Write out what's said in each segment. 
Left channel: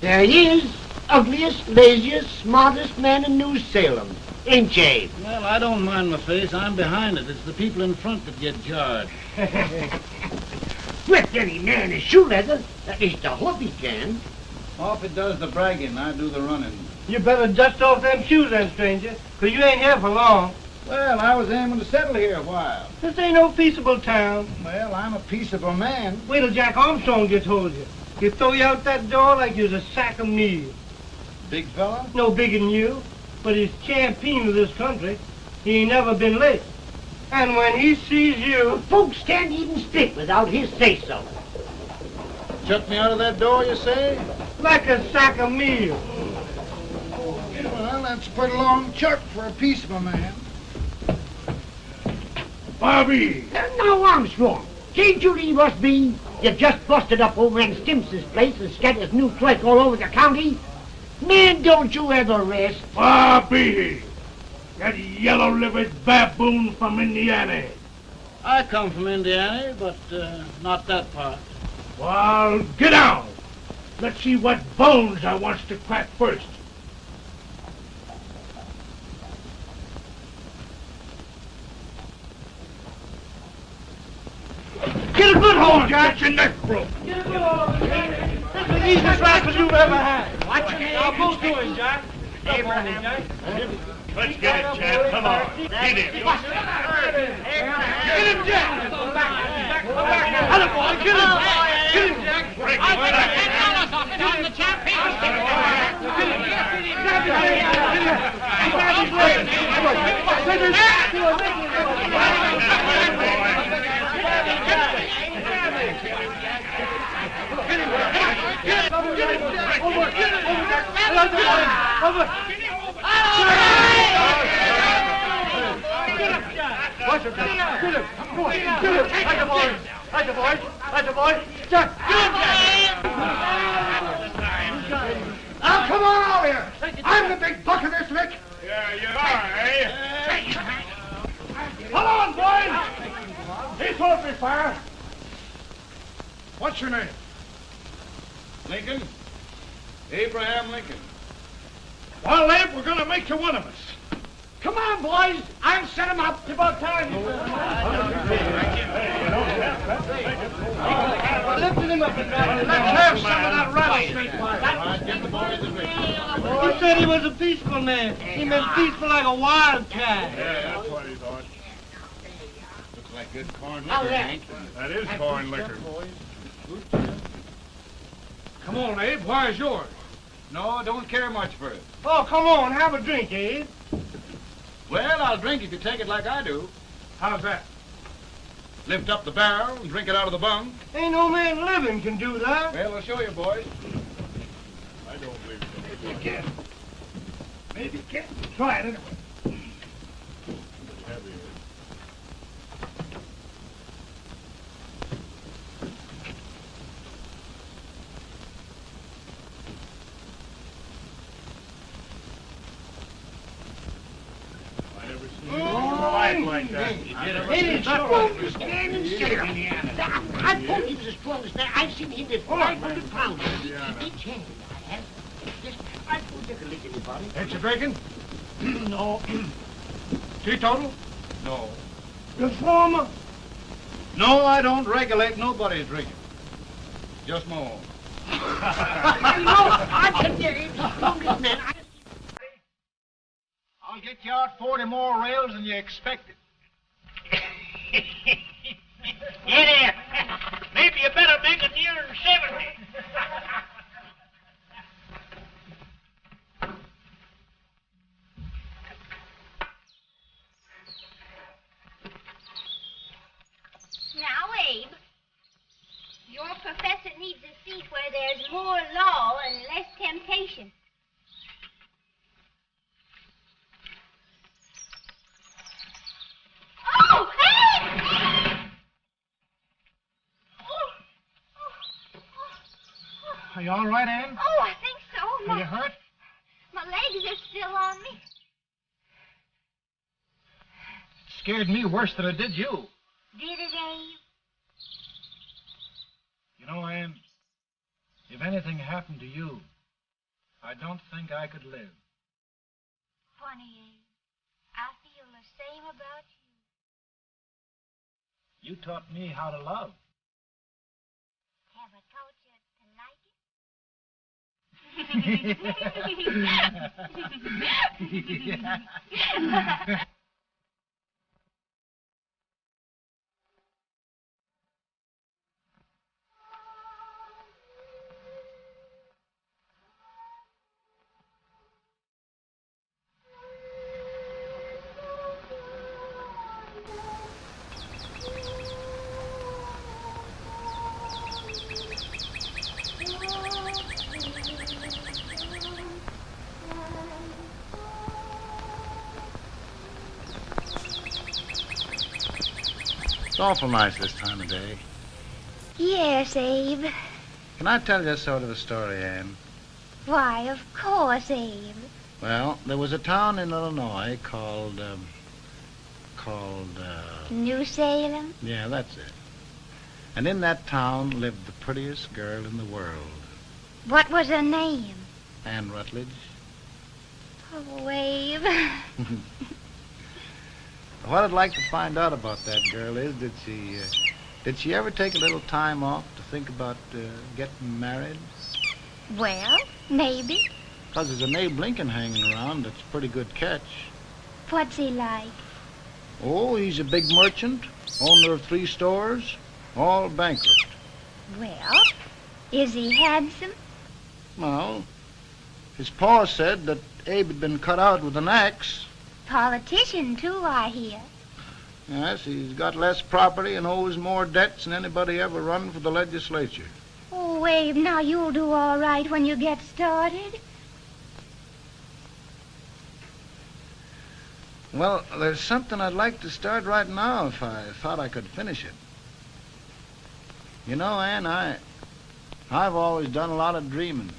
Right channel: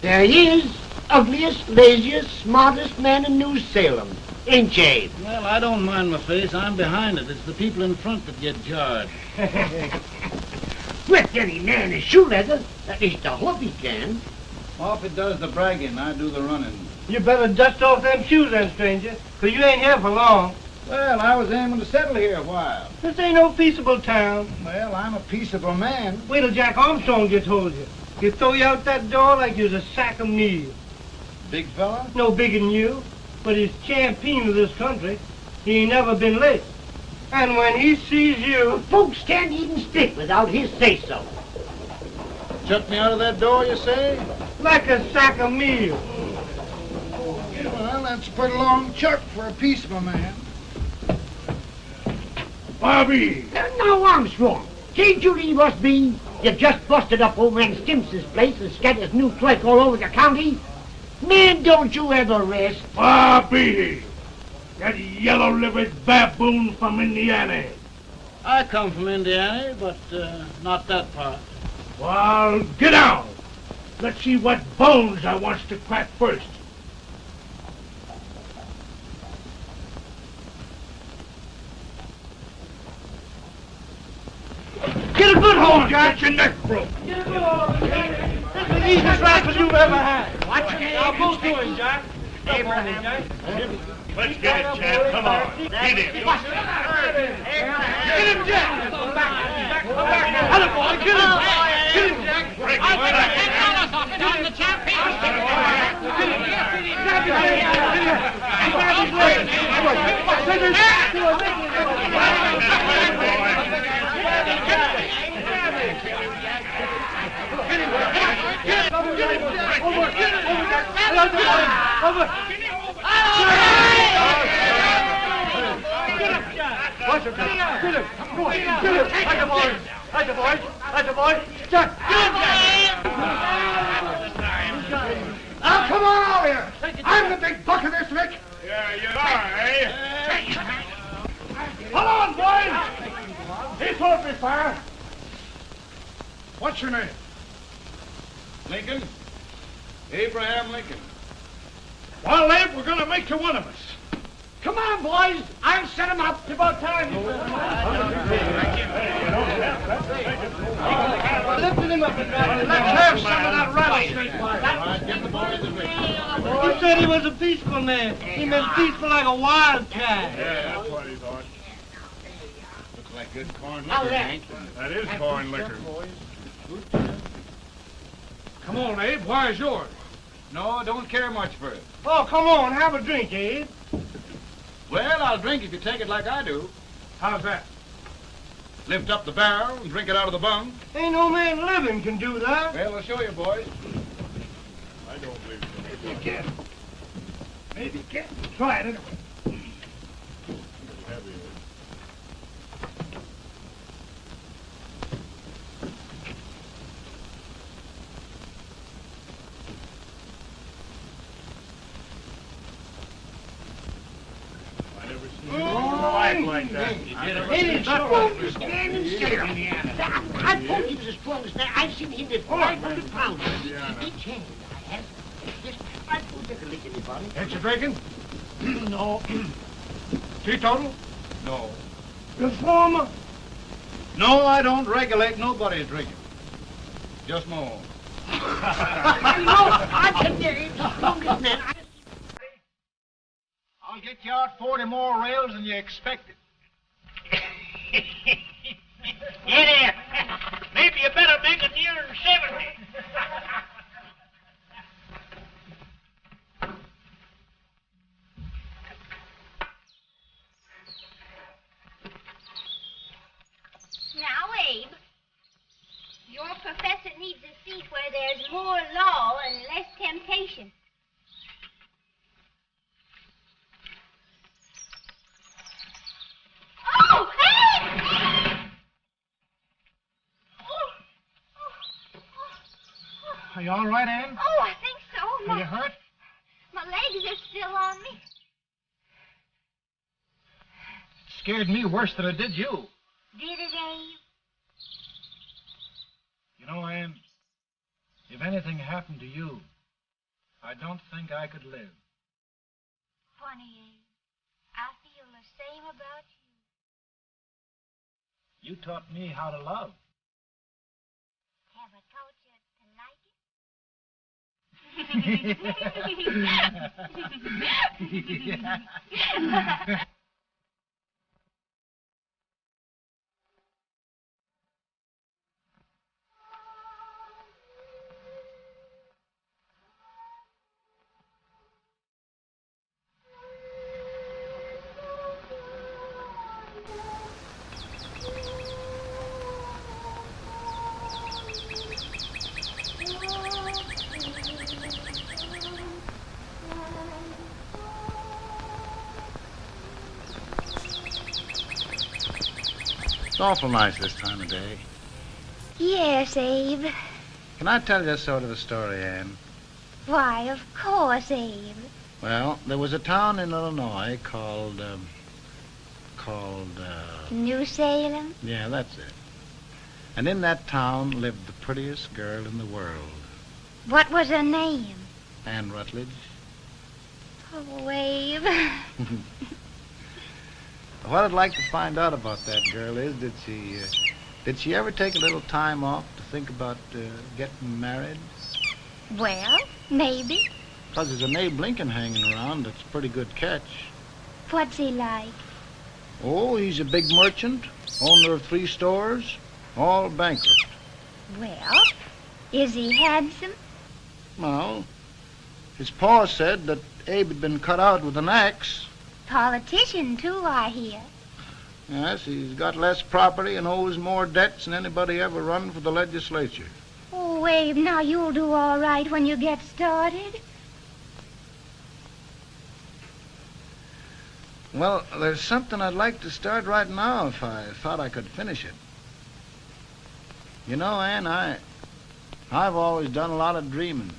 There he is, ugliest, laziest, smartest man in New Salem. Ain't you? Well, I don't mind my face. I'm behind it. It's the people in front that get charged. Let any man his shoe leather. At least I hope he can. Off it does the bragging. I do the running. You better dust off them shoes then, stranger, 'cause you ain't here for long. Well, I was aiming to settle here a while. This ain't no peaceable town. Well, I'm a peaceable man. Wait till Jack Armstrong gets hold of you. He'll throw you out that door like you're a sack of meal. Big fella? No bigger than you, but he's champion of this country. He ain't never been late. And when he sees you... Folks can't even speak without his say-so. Chuck me out of that door, you say? Like a sack of meal. Well, that's a pretty long chirp for a peaceable man. Bobby! Now, Armstrong, can't you leave us be? You just busted up over in Stimpson's place and scattered new clerk all over the county. Man, don't you ever rest. Bobby! That yellow-livered baboon from Indiana. I come from Indiana, but not that part. Well, get out. Let's see what bones I wants to crack first. Get a good hold, Jack. Get your neck broke. Get a good hold. That's the easiest rifle you've ever had. Watch it. Now, go to him, Jack. Come on, Jack. Let's get it, Chad. Come on. Get it. Get him, Jack. Hello, boy. Get him. Get him, Jack. Get him, the chap. Get him. Grab his Now, come on over here. I'm the big buck of this lick. Yeah, you are, eh? Come on, boys. He's supposed to be fire. What's your name? Lincoln? Abraham Lincoln. Well, Lamp, we're going to make you one of us. Come on, boys. I'll set him up. It's about time. Lifted him up and down. Let's have some of that rattlesnake. You said he was a peaceful man. He was peaceful like a wild cat. Yeah, that's what he thought. Looks like good corn Now liquor, that. Hank. That is corn liquor. Come on, Abe. Why is yours? No, don't care much for it. Oh, come on. Have a drink, Abe. Well, I'll drink if you take it like I do. How's that? Lift up the barrel and drink it out of the bung. Ain't no man living can do that. Well, we'll show you, boys. I don't believe it. Maybe you can. Maybe you can. Try it anyway. Like that. Stand and stare on me. I told you this close that I've seen him at 500 pounds. He changed. I put the drink in the bottle. Ain't you drinking? No. Teetotal? No. Reformer. No, I don't regulate nobody's drinking. Just no. No, I can get it. Man, I'll get you out 40 more rails than you expected. yeah, maybe you better make it nearer 70. Now, Abe, your professor needs a seat where there's more law and less temptation. Oh, hey! Are you all right, Ann? Oh, I think so. Are you hurt? My legs are still on me. Scared me worse than it did you. Did it, Abe? You know, Ann, if anything happened to you, I don't think I could live. Funny, Abe. I feel the same about you. You taught me how to love. Have I taught you to like it? It's awful nice this time of day. Yes, Abe. Can I tell you sort of a story, Ann? Why, of course, Abe. Well, there was a town in Illinois called, New Salem? yeah, that's it. And in that town lived the prettiest girl in the world, What was her name? Ann Rutledge. Oh, Abe. What I'd like to find out about that girl is, did she ever take a little time off to think about getting married? Well, maybe. Because there's an Abe Lincoln hanging around that's a pretty good catch. What's he like? Oh, he's a big merchant, owner of 3 stores, all bankrupt. Well, is he handsome? Well, his pa said that Abe had been cut out with an axe. Politician, too, I hear. Yes, he's got less property and owes more debts than anybody ever run for the legislature. Oh, Abe, now you'll do all right when you get started. Well, there's something I'd like to start right now if I thought I could finish it. You know, Ann, I've always done a lot of dreaming.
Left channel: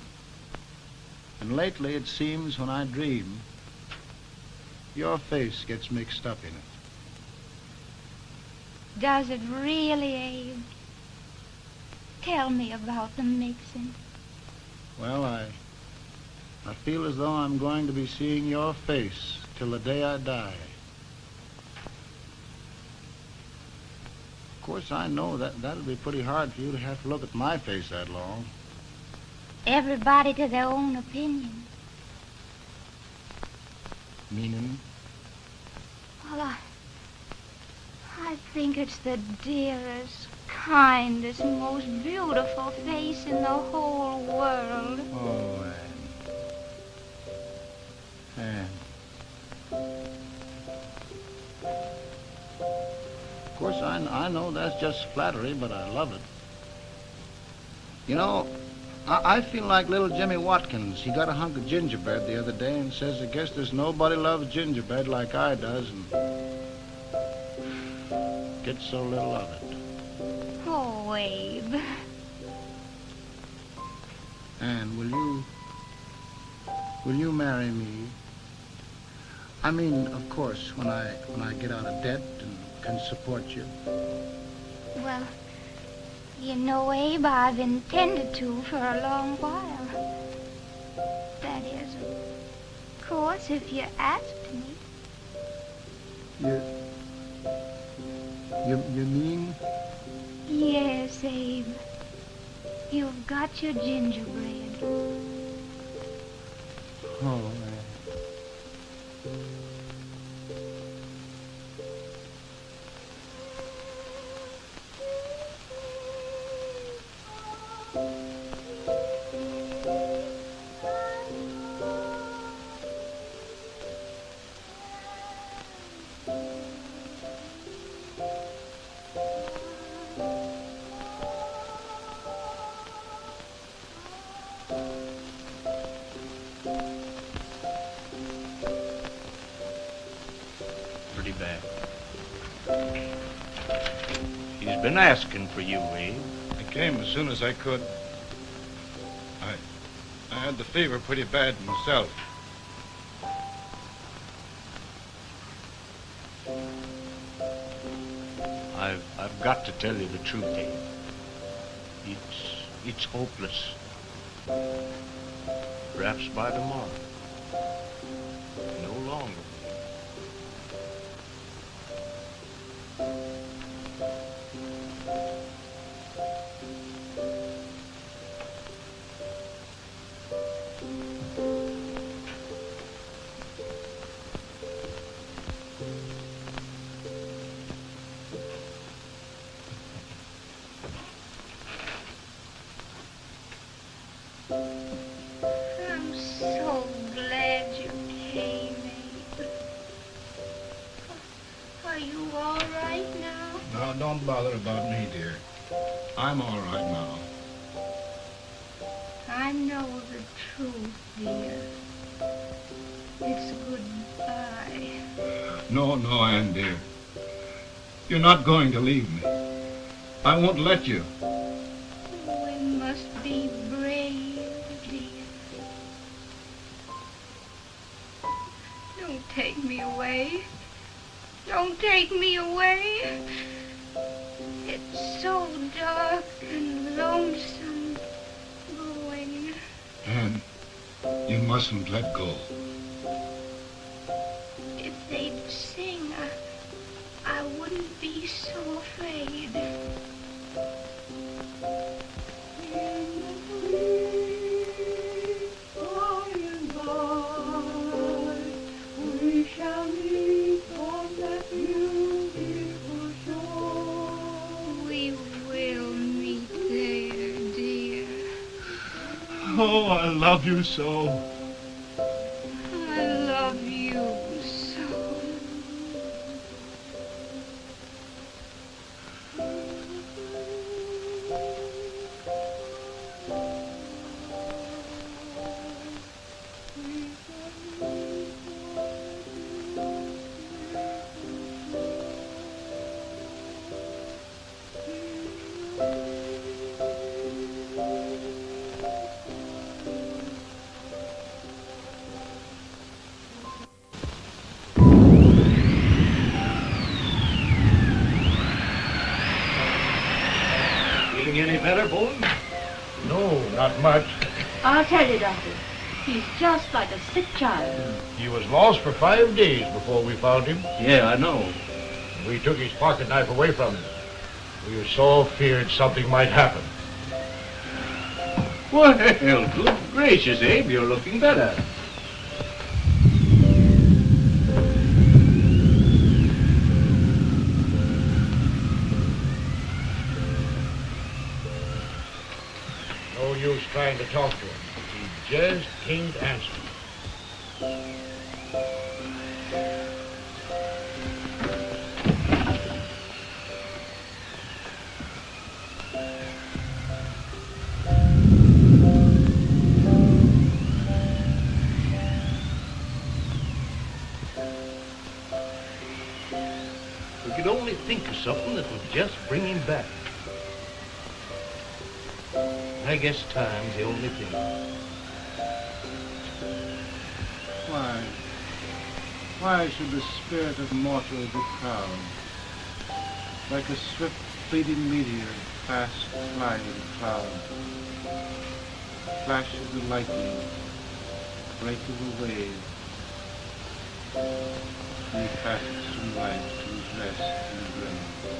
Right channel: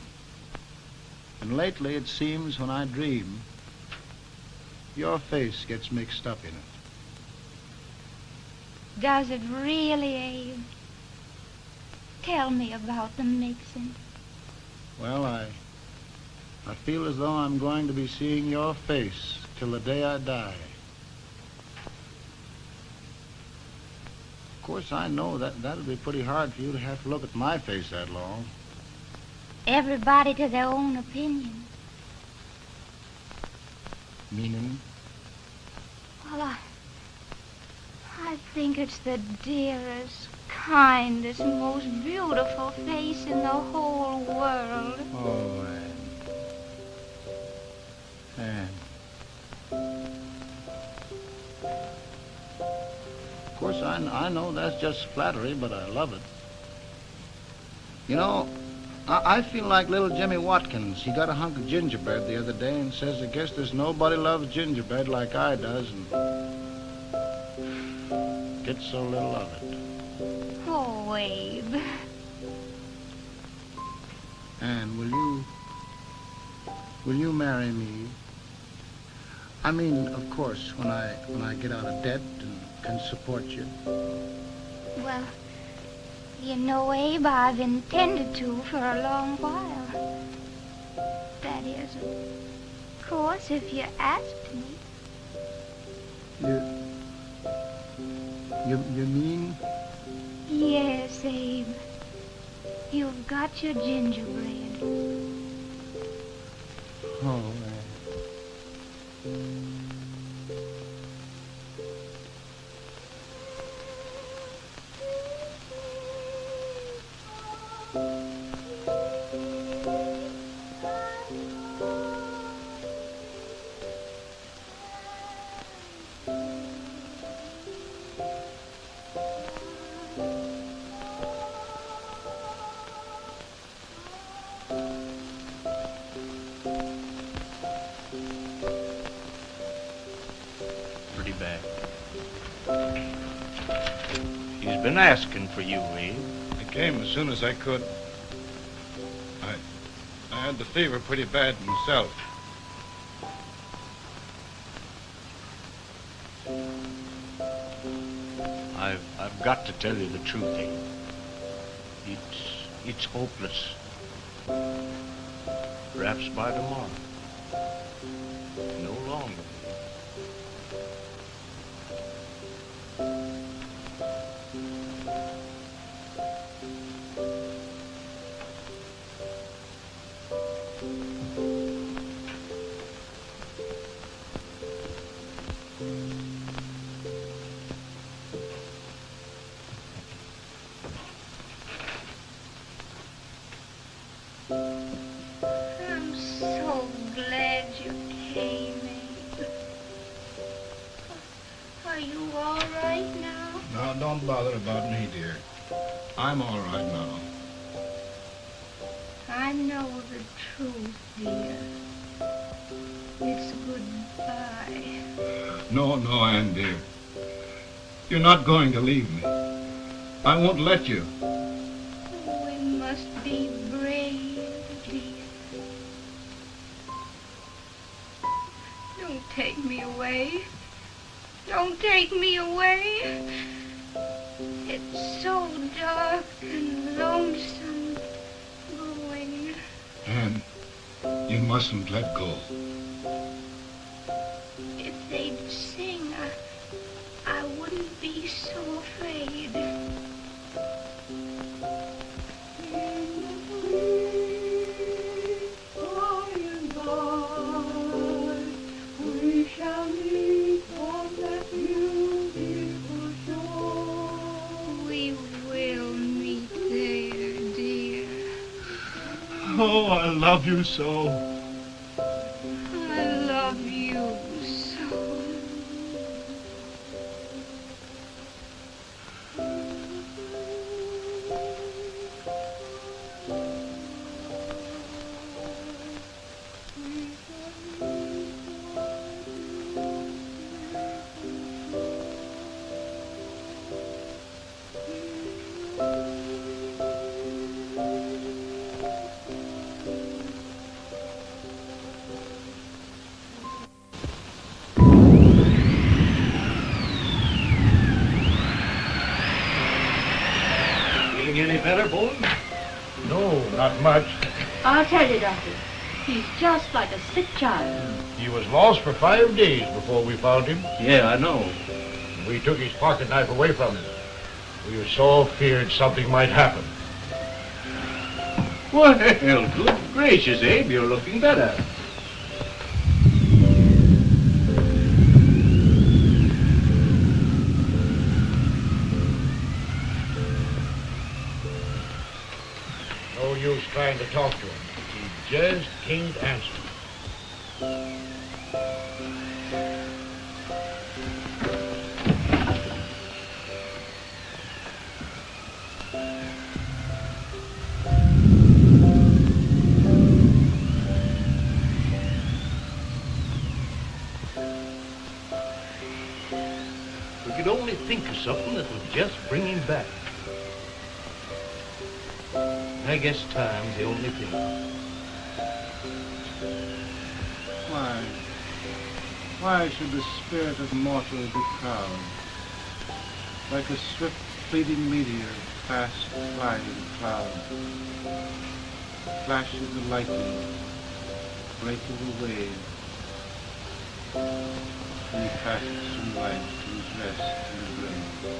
And lately it seems when I dream, your face gets mixed up in it. Does it really, Abe? Tell me about the mixing. Well, I feel as though I'm going to be seeing your face till the day I die. Of course, I know that'll be pretty hard for you to have to look at my face that long. Everybody to their own opinion. Meaning? Well, I think it's the dearest, kindest, most beautiful face in the whole world. Oh, Ann. Of course, I know that's just flattery, but I love it. You know, I feel like little Jimmy Watkins. He got a hunk of gingerbread the other day and says, I guess there's nobody loves gingerbread like I does, and gets so little of it. Oh, Abe. And will you marry me? I mean, of course, when I get out of debt and can support you. Well, you know, Abe, I've intended to for a long while. That is, of course, if you asked me. You mean? Yes, Abe. You've got your gingerbread. Oh, Pretty bad. He's been asking for you, Abe. I came as soon as I could. I had the fever pretty bad myself. I've got to tell you the truth, Abe. It's hopeless. Perhaps by tomorrow. No longer. I'm so glad you came, Abe. Are you all right now? No, don't bother about me, dear. I'm all right now. I know the truth, dear. It's goodbye. No, Ann, dear. You're not going to leave me. I won't let you. We must be brave, dear. Don't take me away. Don't take me away. It's so dark and lonesome going. Ann, you mustn't let go. If they'd sing, I wouldn't be so afraid. We will meet there, dear. Oh, I love you so. I love you so. Feeling any better, boy? No, not much. I'll tell you, Doctor. He's just like a sick child. He was lost for 5 days before we found him. Yeah, I know. We took his pocket knife away from him. We were so feared something might happen. Well, good gracious, Abe, you're looking better. No use trying to talk to him. He just can't answer. We could only think of something that would just bring him back. I guess time's the only thing. Why should the spirit of mortal be proud? Like a swift fleeting meteor, fast gliding cloud. Flash of the lightning, break of the wave. He passes from life to his rest in the grave.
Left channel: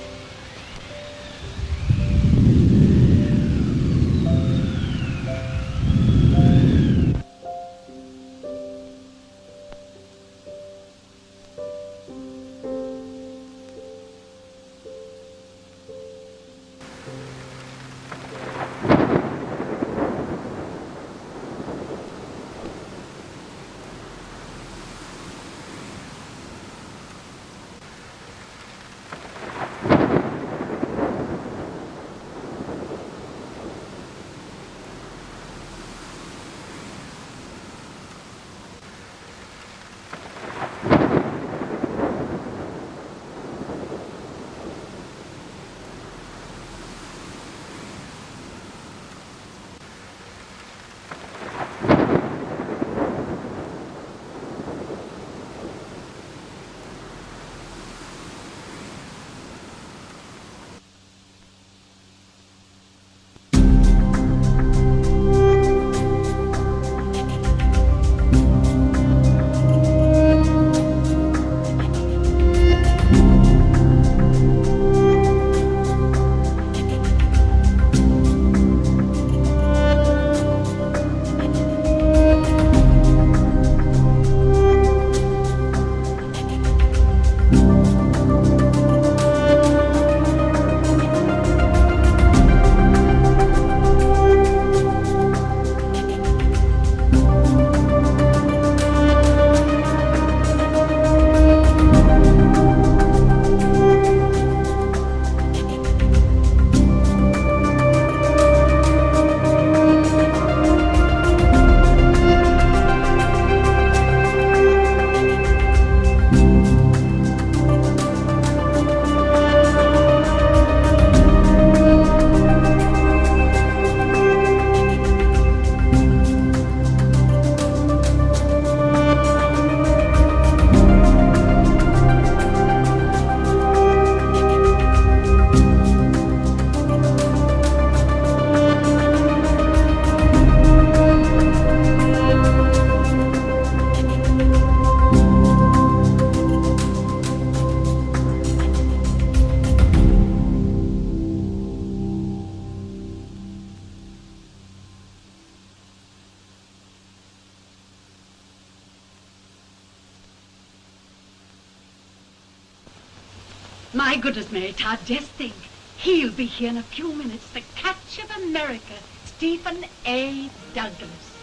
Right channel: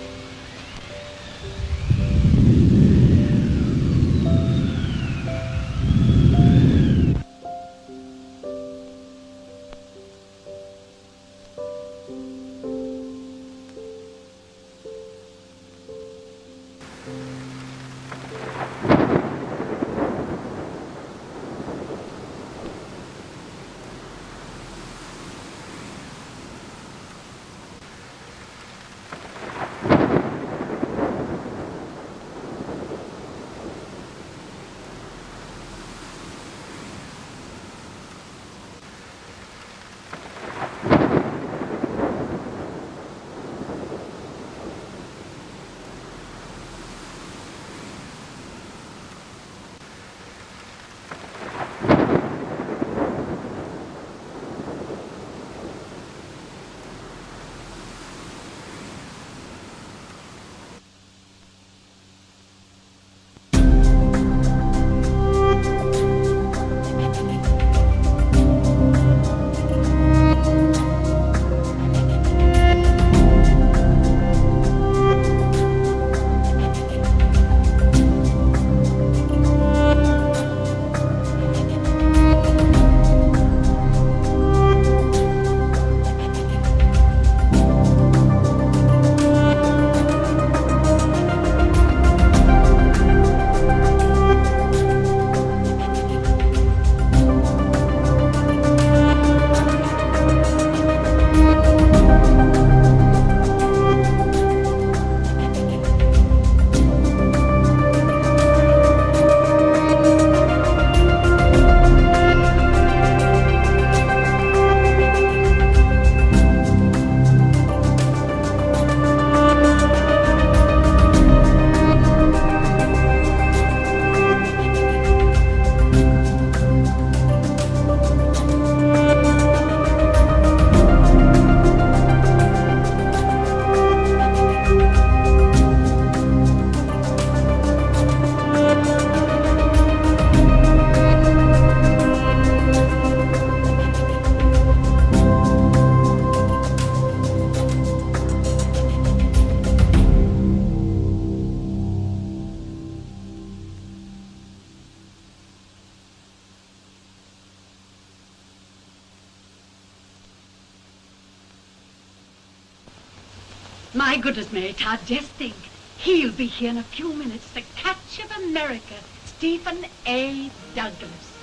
My goodness, Mary Todd, just think. He'll be here in a few minutes. The catch of America, Stephen A. Douglas.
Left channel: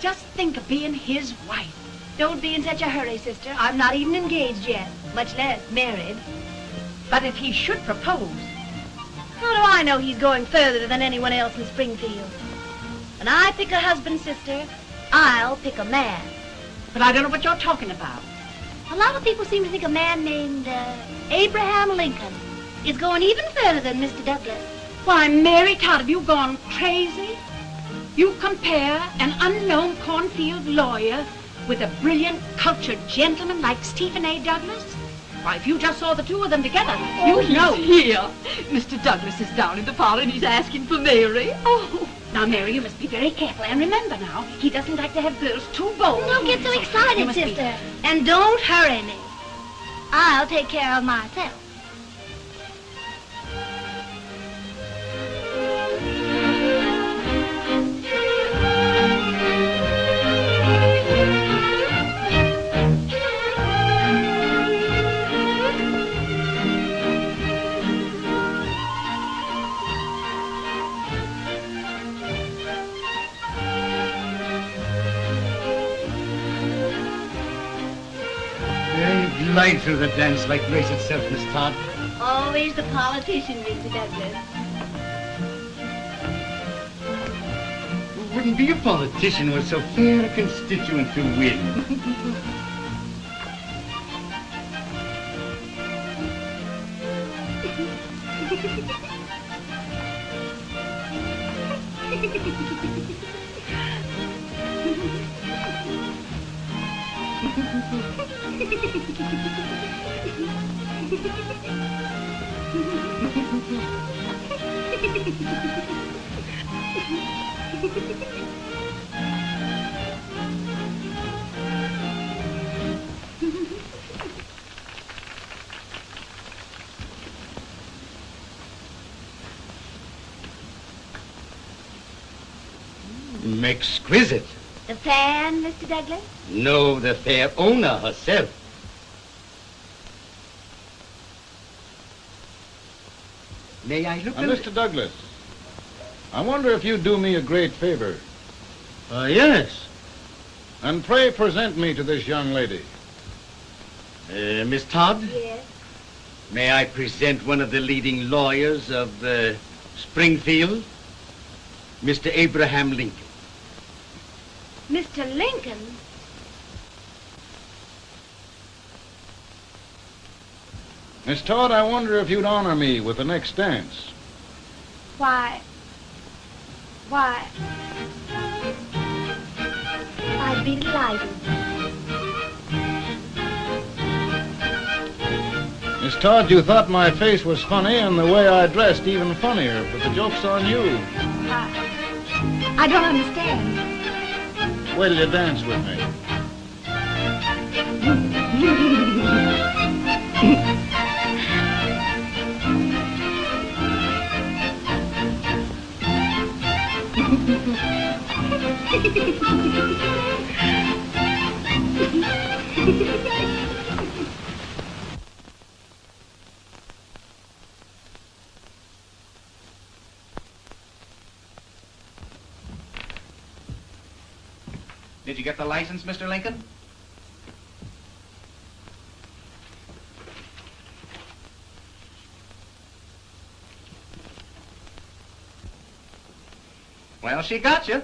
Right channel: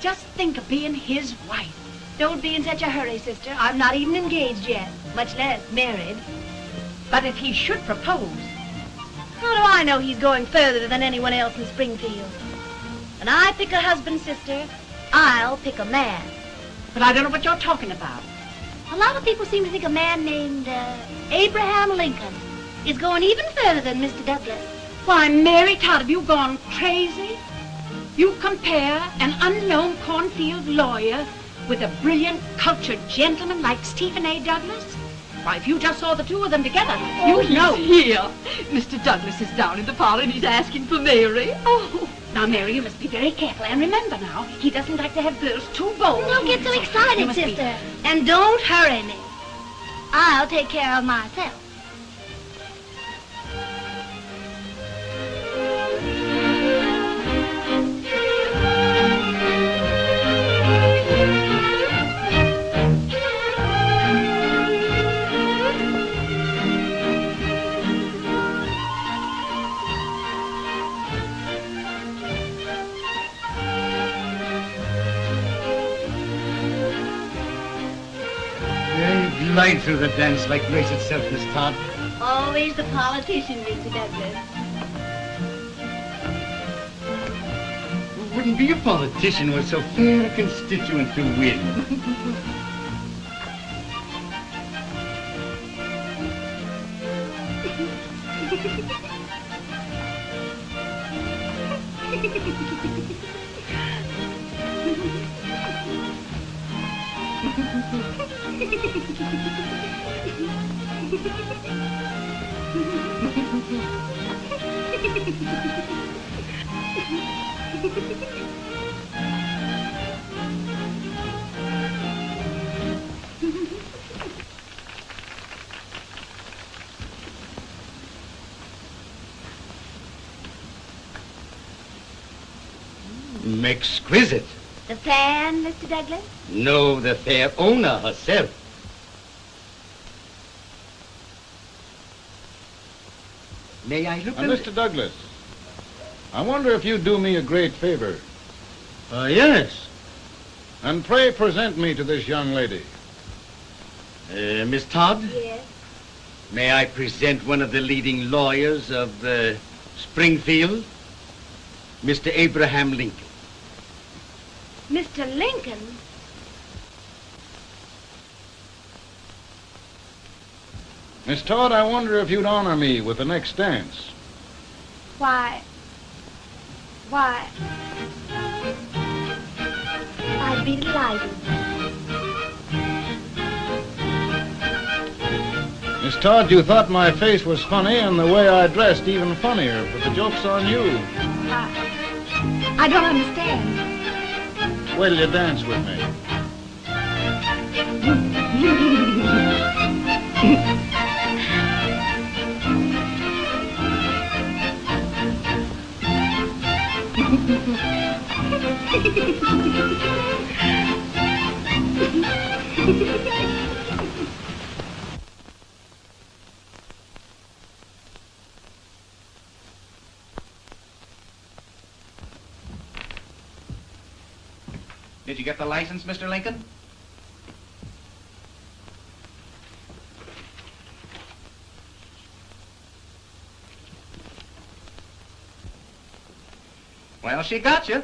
Just think of being his wife. Don't be in such a hurry, sister. I'm not even engaged yet, much less married. But if he should propose... How do I know he's going further than anyone else in Springfield? When I pick a husband, sister, I'll pick a man. But I don't know what you're talking about. A lot of people seem to think a man named Abraham Lincoln is going even further than Mr. Douglas. Why, Mary Todd, have you gone crazy? You compare an unknown cornfield lawyer with a brilliant, cultured gentleman like Stephen A. Douglas? Why, if you just saw the two of them together, you'd know. Here. Mr. Douglas is down in the parlor and he's asking for Mary. Oh, now, Mary, you must be very careful. And remember now, he doesn't like to have girls too bold. Don't get so excited, sister. And don't hurry me. I'll take care of myself. Glide through the dance like grace itself, Miss Todd. Always the politician, Mr. Douglas. Who wouldn't be a politician with so fair a constituent to win? Exquisite. The fan, Mr. Douglas? No, the fair owner herself. May I look at it? Mr. Douglas, I wonder if you'd do me a great favor. Yes. And pray present me to this young lady. Miss Todd? Yes. May I present one of the leading lawyers of Springfield, Mr. Abraham Lincoln. Mr. Lincoln? Miss Todd, I wonder if you'd honor me with the next dance. Why, I'd be delighted. Miss Todd, you thought my face was funny and the way I dressed even funnier, but the joke's on you. I don't understand. Will you dance with me? Did you get the license, Mr. Lincoln? Well, she got you.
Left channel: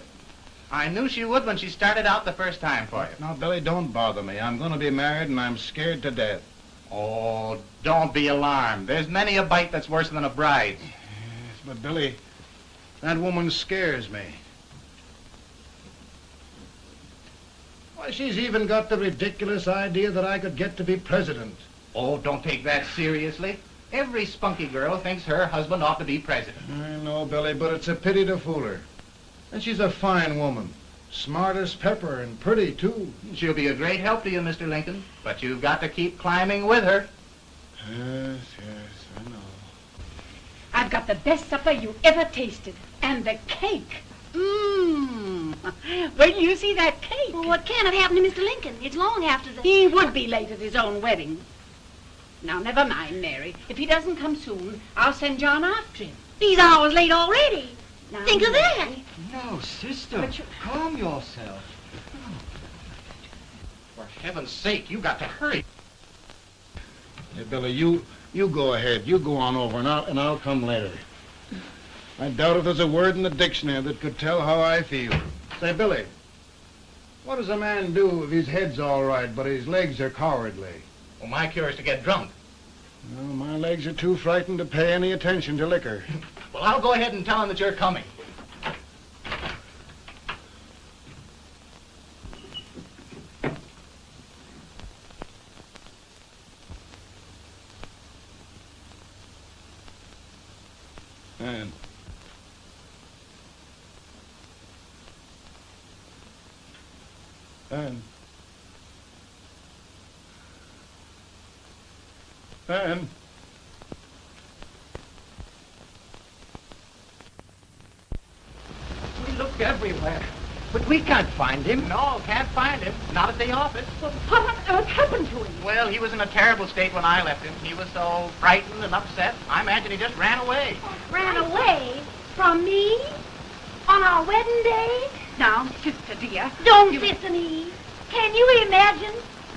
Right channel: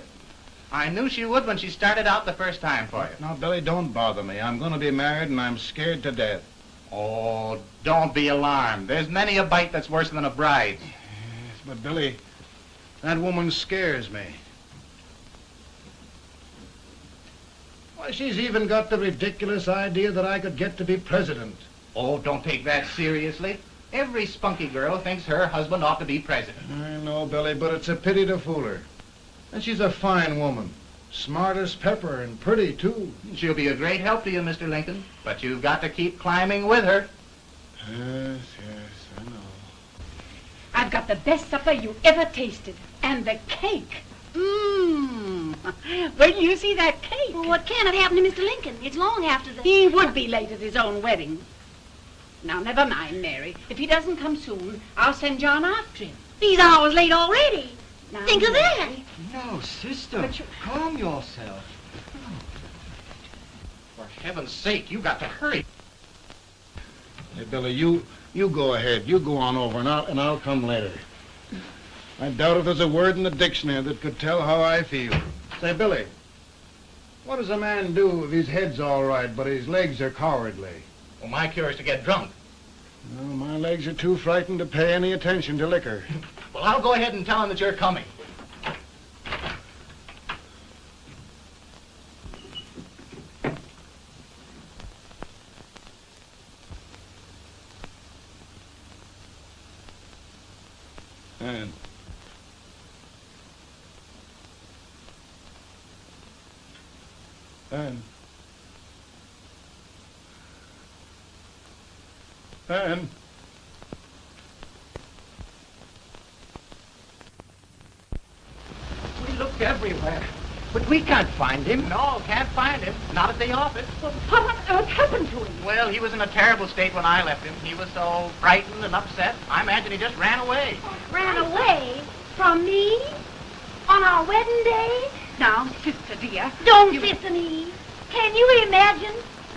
I knew she would when she started out the first time for you. Now, Billy, don't bother me. I'm going to be married and I'm scared to death. Oh, don't be alarmed. There's many a bite that's worse than a bride. Yes, but Billy, that woman scares me. Why, she's even got the ridiculous idea that I could get to be president. Oh, don't take that seriously. Every spunky girl thinks her husband ought to be president. I know, Billy, but it's a pity to fool her. And she's a fine woman. Smart as pepper and pretty, too. She'll be a great help to you, Mr. Lincoln, but you've got to keep climbing with her. Yes, I know. I've got the best supper you ever tasted. And the cake. Mmm. Wait till you see that cake. Well, what can have happened to Mr. Lincoln? It's long after the... He would be late at his own wedding. Now, never mind, Mary. If he doesn't come soon, I'll send John after him. He's hours late already. Now, Think of that. No, sister. Calm yourself. For heaven's sake, you got to hurry. Hey, Billy, you go ahead. You go on over, and I'll come later. I doubt if there's a word in the dictionary that could tell how I feel. Say, Billy, what does a man do if his head's all right, but his legs are cowardly? Well, my cure is to get drunk. Well, my legs are too frightened to pay any attention to liquor. Well, I'll go ahead and tell him that you're coming. And We looked everywhere, but we can't find him. No, can't find him. Not at the office. Well, what happened to him? Well, he was in a terrible state when I left him. He was so frightened and upset, I imagine he just ran away. Ran away from me on our wedding day? Now, sister dear. Don't sister me. Can you imagine?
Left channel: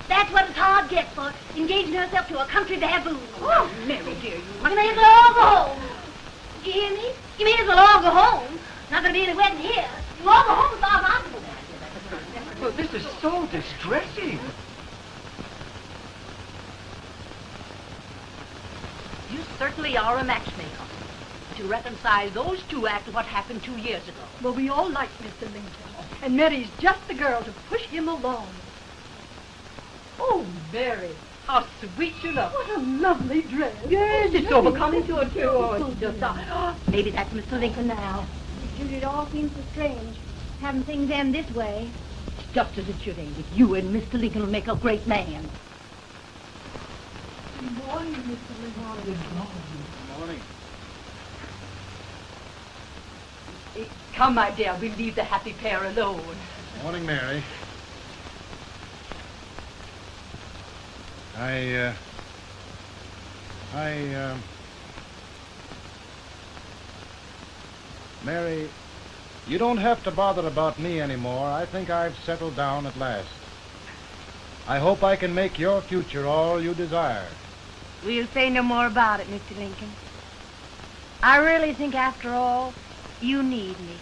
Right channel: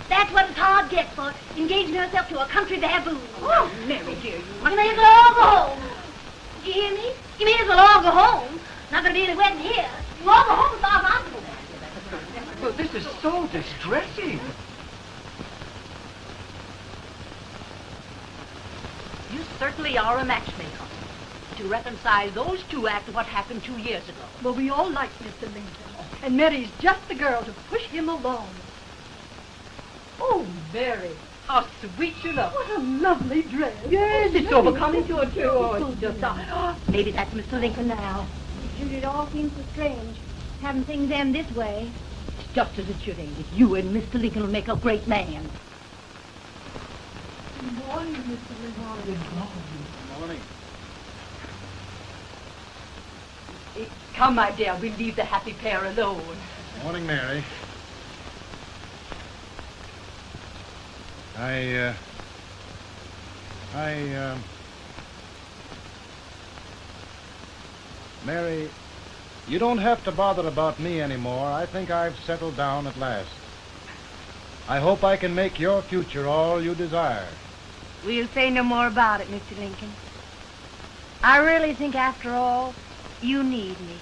That's what it's hard gets for engaging herself to a country baboon. Oh, Mary dear, You may as well all go home. You hear me? You may as well all go home. Not gonna be any wedding here. You all go home as far as I'm concerned. Well, this is so distressing. You certainly are a matchmaker. To reconcile those two after what happened 2 years ago. Well, we all like Mr. Lincoln. And Mary's just the girl to push him along. Oh, Mary, how sweet you look. What a lovely dress. Yes, it's overcoming to it, too. Oh, it's just maybe that's Mr. Lincoln now. It all seems so strange, having things end this way. It's just as it should end. You and Mr. Lincoln will make a great man. Good morning, Mr. Lincoln. Good morning. Come, my dear, we'll leave the happy pair alone. Morning, Mary. Mary, you don't have to bother about me anymore. I think I've settled down at last. I hope I can make your future all you desire. We'll say no more about it, Mr. Lincoln. I really think, after all, you need me.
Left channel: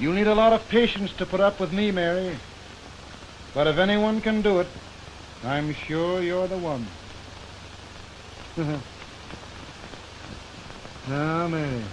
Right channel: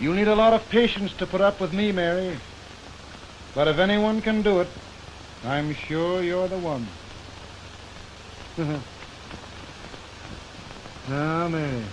You need a lot of patience to put up with me, Mary. But if anyone can do it, I'm sure you're the one. Amen.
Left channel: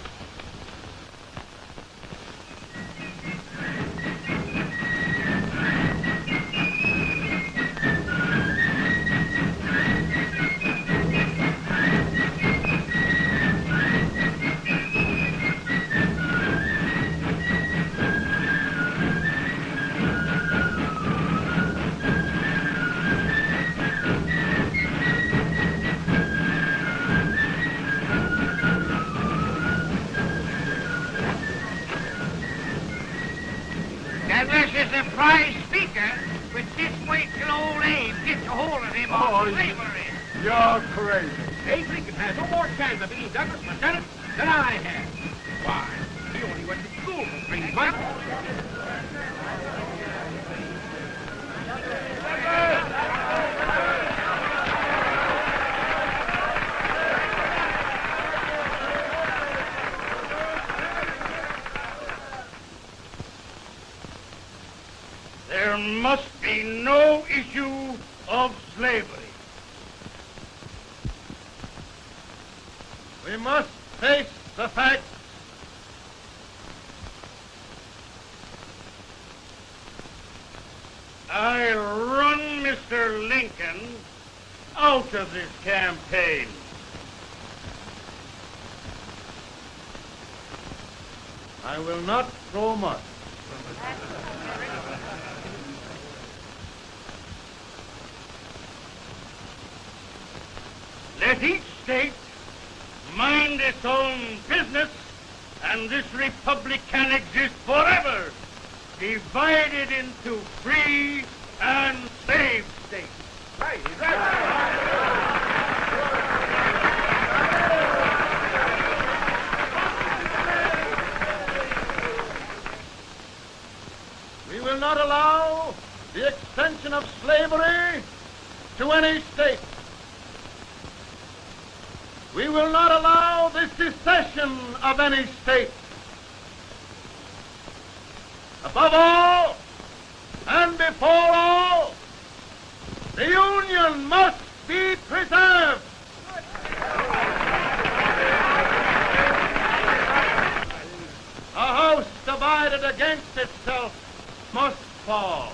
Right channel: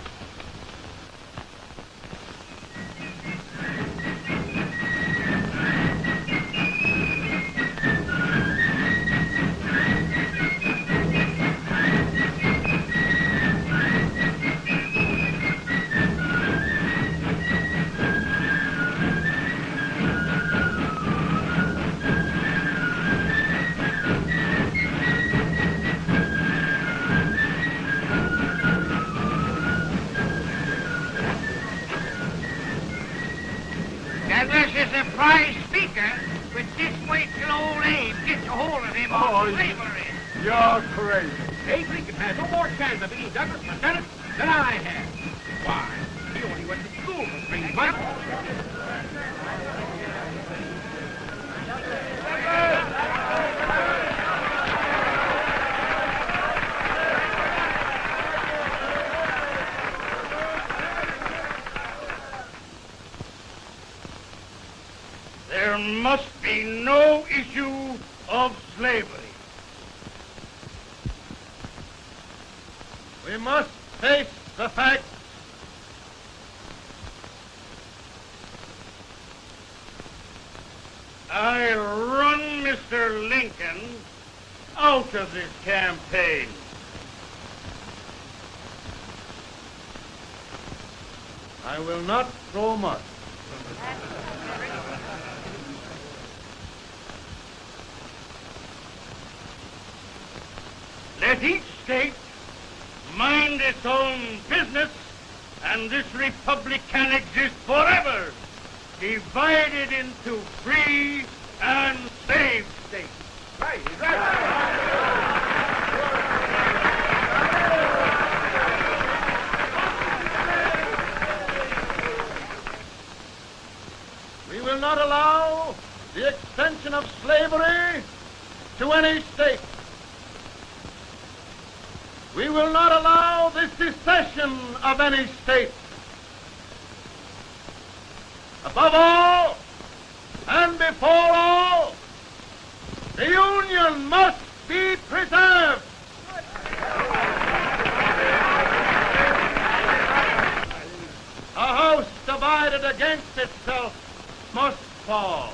That was a surprise speaker with this weight till old age gets a hold of him on the slavery. You're crazy. Abe Lincoln has no more chance of being Douglas Lieutenant than I have. Why? He only went to school for 3 months. There must be no issue of slavery. We must face the fact I run Mr. Lincoln out of this campaign. I will not go much. Let each state mind its own business, and this republic can exist forever, divided into free and slave states. We will not allow the extension of slavery to any state. We will not allow the secession of any state. Above all, and before all, the Union must be preserved. A house divided against itself must fall.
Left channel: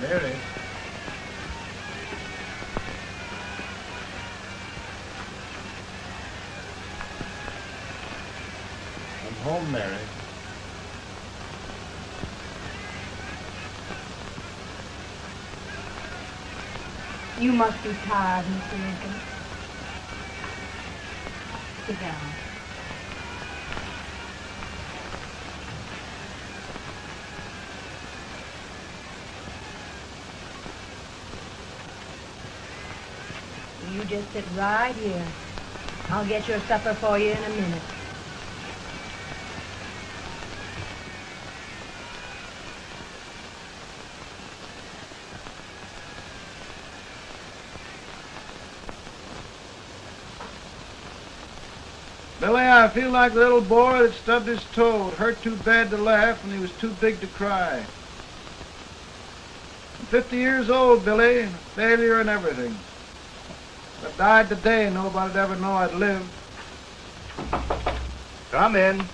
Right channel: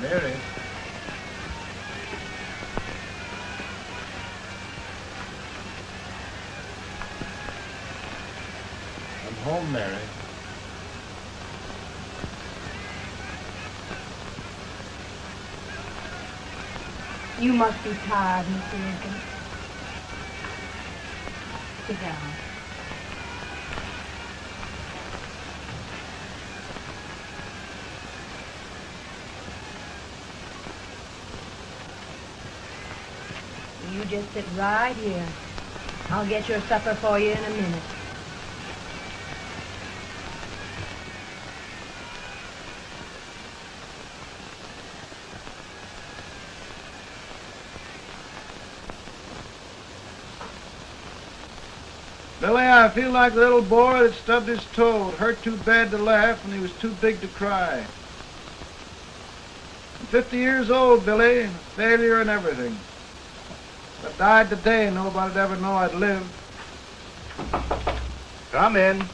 Mary. I'm home, Mary. You must be tired, Mr. Lincoln. Sit down. You just sit right here. I'll get your supper for you in a minute. Billy, I feel like a little boy that stubbed his toe. It hurt too bad to laugh, and he was too big to cry. I'm 50 years old, Billy. Failure and everything. If I died today, nobody'd ever know I'd lived. Come in.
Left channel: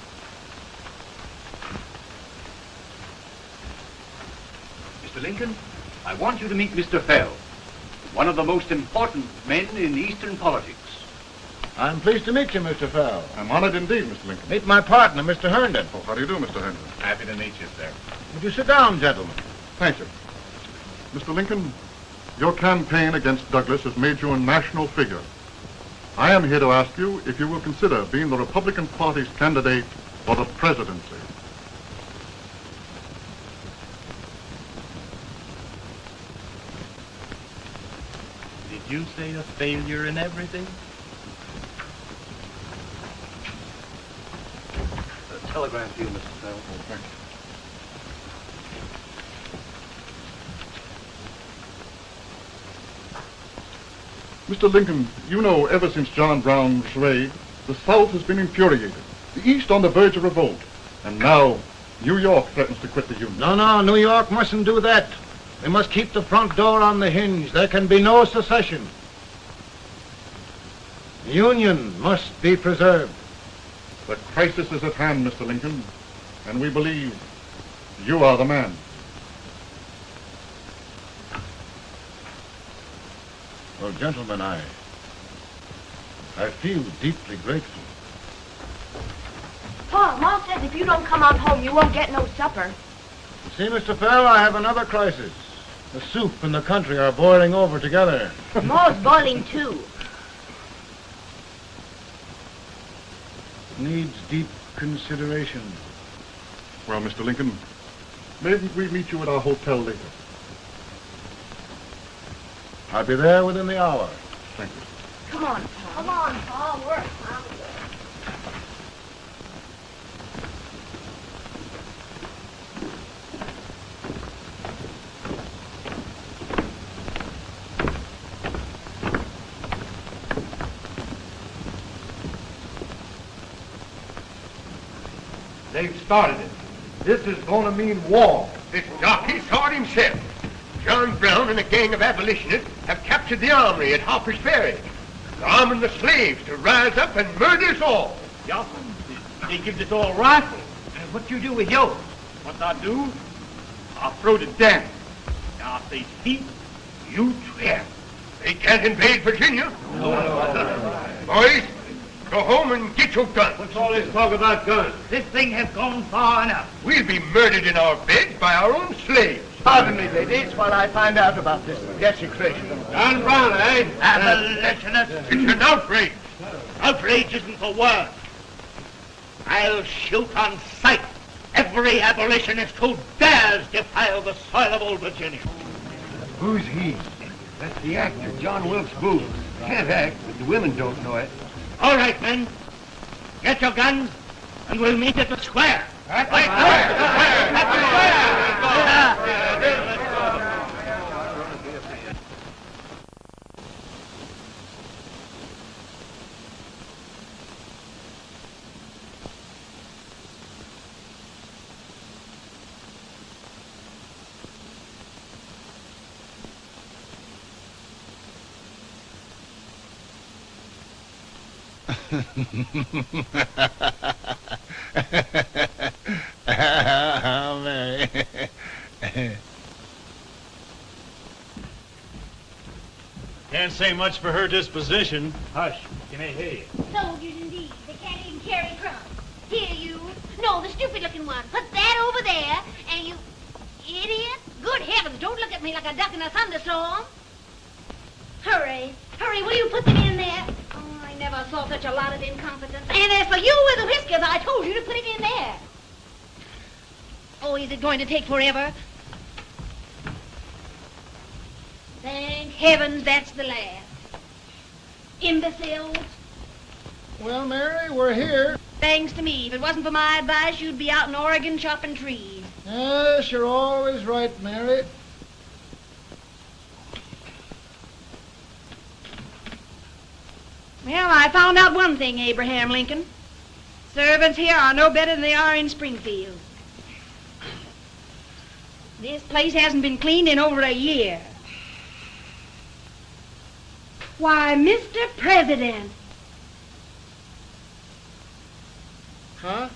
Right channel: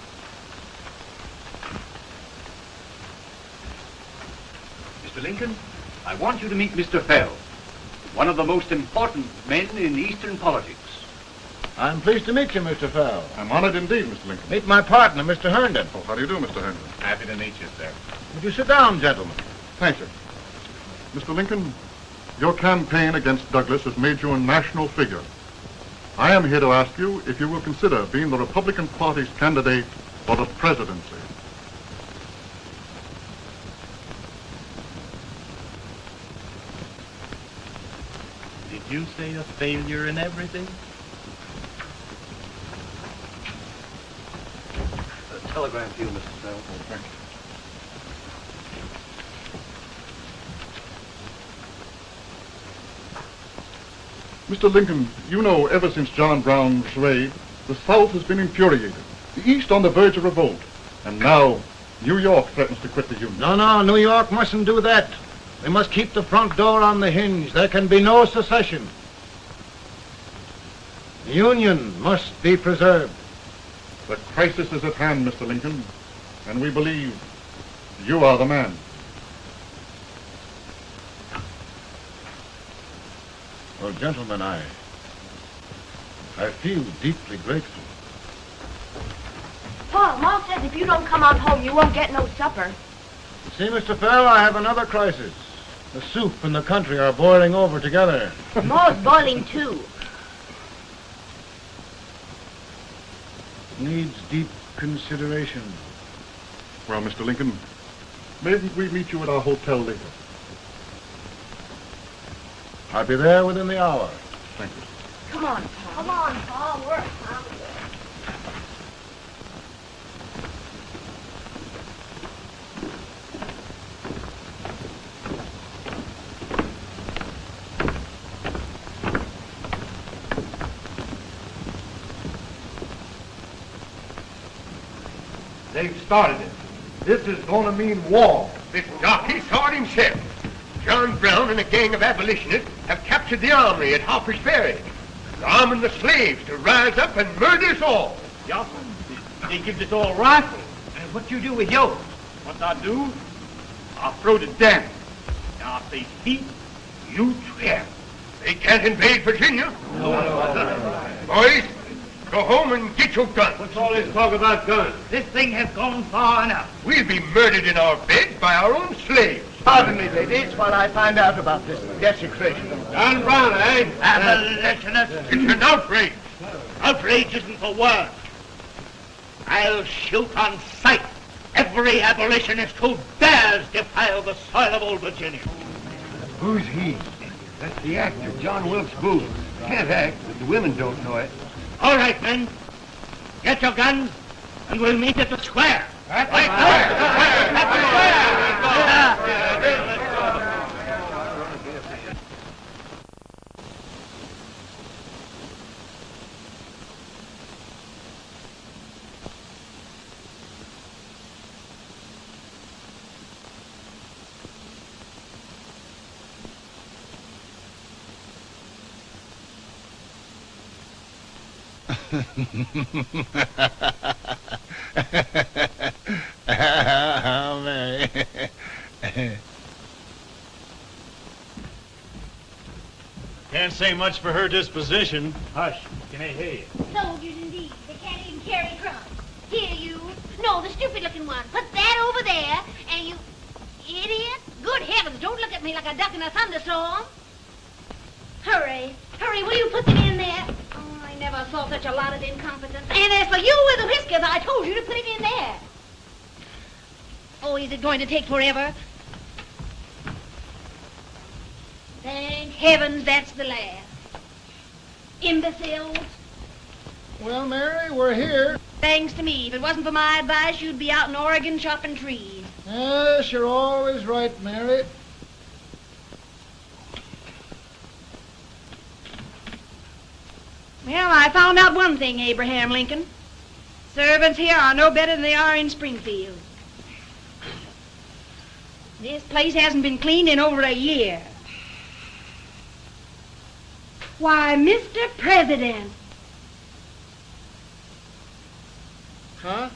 Mr. Lincoln, I want you to meet Mr. Fell, one of the most important men in Eastern politics. I'm pleased to meet you, Mr. Fell. I'm honored indeed, Mr. Lincoln. Meet my partner, Mr. Herndon. Oh, how do you do, Mr. Herndon? Happy to meet you, sir. Would you sit down, gentlemen? Thank you. Mr. Lincoln, your campaign against Douglas has made you a national figure. I am here to ask you if you will consider being the Republican Party's candidate for the presidency. Did you say a failure in everything? A telegram to you, Mr. Fell. Mr. Lincoln, you know ever since John Brown was raised, the South has been infuriated, the East on the verge of revolt, and now New York threatens to quit the Union. No, New York mustn't do that. They must keep the front door on the hinge. There can be no secession. The Union must be preserved. The crisis is at hand, Mr. Lincoln, and we believe you are the man. Well, gentlemen, I feel deeply grateful. Paul, Ma says if you don't come on home, you won't get no supper. See, Mr. Fell, I have another crisis. The soup and the country are boiling over together. Ma's boiling too. Needs deep consideration. Well, Mr. Lincoln, maybe we meet you at our hotel later. I'll be there within the hour. Thank you. Come on, Paul. Come on, Paul. Work. They've started it. This is going to mean war. It's jockey sword himself. John Brown and a gang of abolitionists have captured the armory at Harper's Ferry. They're arming the slaves to rise up and murder us all. Yeah, they give us all rifles and What you do with yours? What I do? I'll throw the damn. Now, if they thief, you swear. They can't invade Virginia. Boys, go home and get your guns. What's all this talk about guns? This thing has gone far enough. We'll be murdered in our beds by our own slaves. Pardon me, ladies, while I find out about this desecration. John Brown, eh? Abolitionist. It's an outrage. Outrage isn't for words. I'll shoot on sight every abolitionist who dares defile the soil of old Virginia. Who's he? That's the actor, John Wilkes Booth. Can't act, but the women don't know it. All right, men. Get your guns, and we'll meet at the square. At the Can't say much for her disposition. Hush, can I hear you? Soldiers indeed. They can't even carry drums. Here, you. No, the stupid-looking one. Put that over there, and you... Idiot. Good heavens, don't look at me like a duck in a thunderstorm. Hurry. Hurry, will you put them in there? Oh, I never saw such a lot of incompetence. And as for you with the whiskers, I told you to put it in there. Oh, is it going to take forever? Thank heavens that's the last. Imbeciles. Well, Mary, we're here. Thanks to me. If it wasn't for my advice, you'd be out in Oregon chopping trees. Yes, you're always right, Mary. Well, I found out one thing, Abraham Lincoln. Servants here are no better than they are in Springfield. This place hasn't been cleaned in over a year. Why, Mr. President. Huh?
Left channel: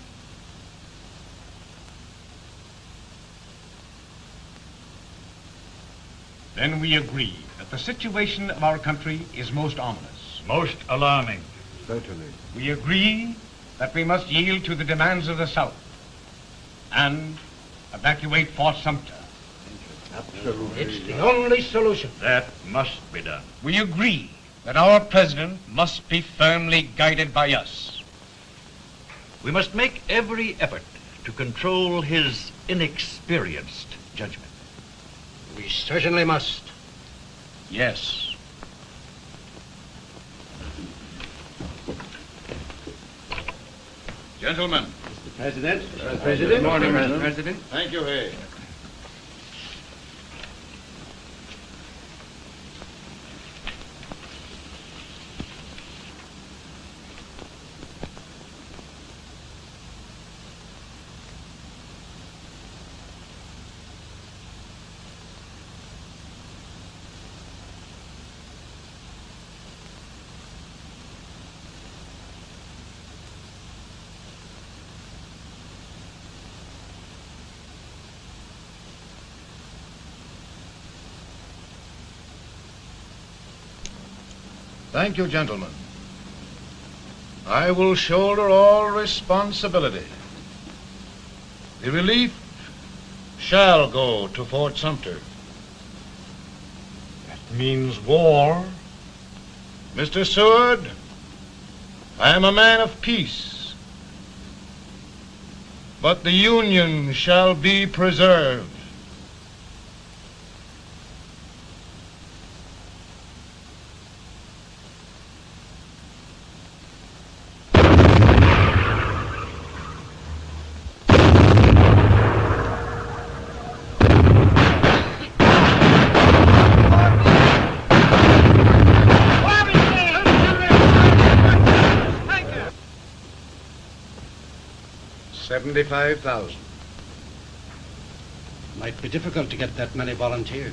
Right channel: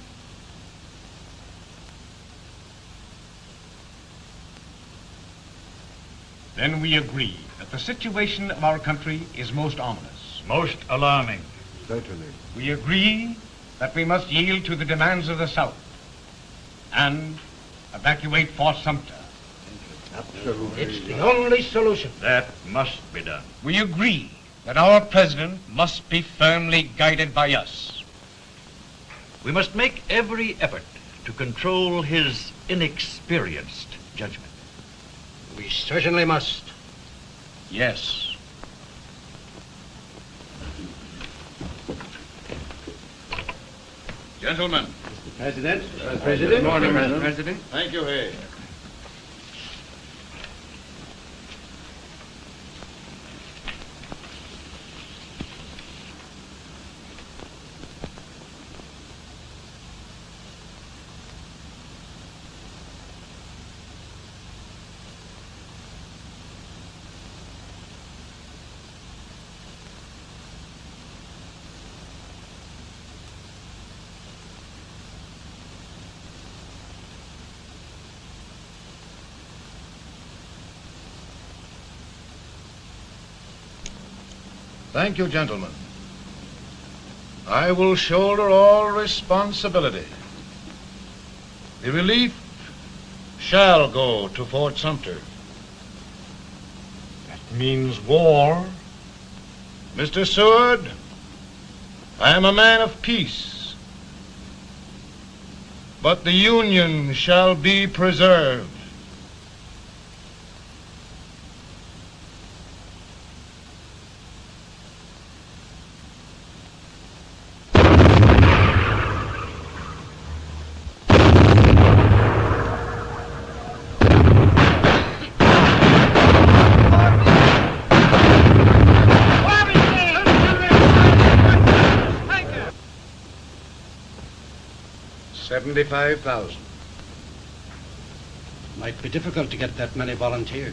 Then we agree that the situation of our country is most ominous. Most alarming. Certainly. We agree that we must yield to the demands of the South and evacuate Fort Sumter. It's the only solution. That must be done. We agree that our president must be firmly guided by us. We must make every effort to control his inexperienced judgment. We certainly must. Yes. Gentlemen. President. Good morning, President. President. Thank you, Hay. Thank you, gentlemen. I will shoulder all responsibility. The relief shall go to Fort Sumter. That means war. Mr. Seward, I am a man of peace, but the Union shall be preserved. $75,000. Might be difficult to get that many volunteers.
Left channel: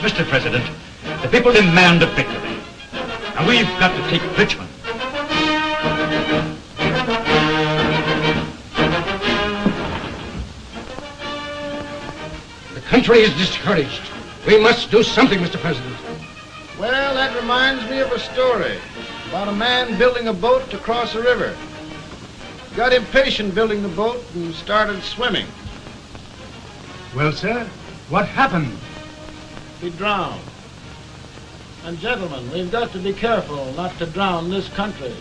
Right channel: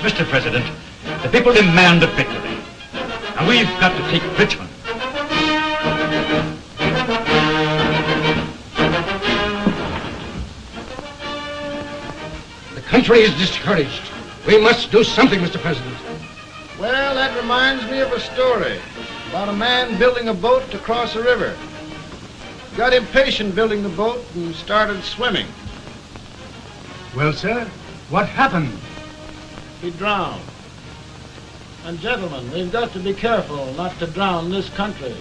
Mr. President, the people demand a victory. And we've got to take Richmond. The country is discouraged. We must do something, Mr. President. Well, that reminds me of a story about a man building a boat to cross a river. Got impatient building the boat and started swimming. Well, sir, what happened? He drowned. And gentlemen, we've got to be careful not to drown this country.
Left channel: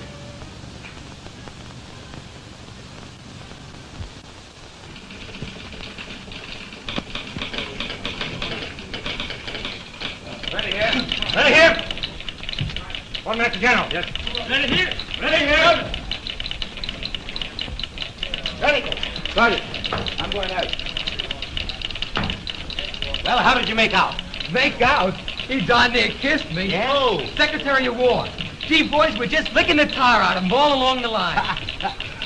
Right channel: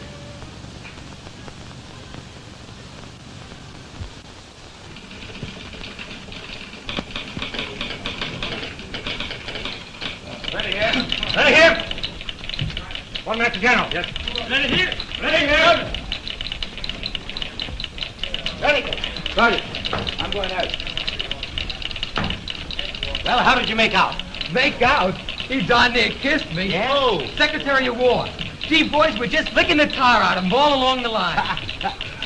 Ready here. Ready here. 1 minute to General. Yes. Ready here. Ready here. Ready. Sorry. I'm going out. Well, how did you make out? Make out? He darn near kissed me. Yeah? Oh, Secretary of War. Gee, boys, we're just licking the tar out of him all along the line.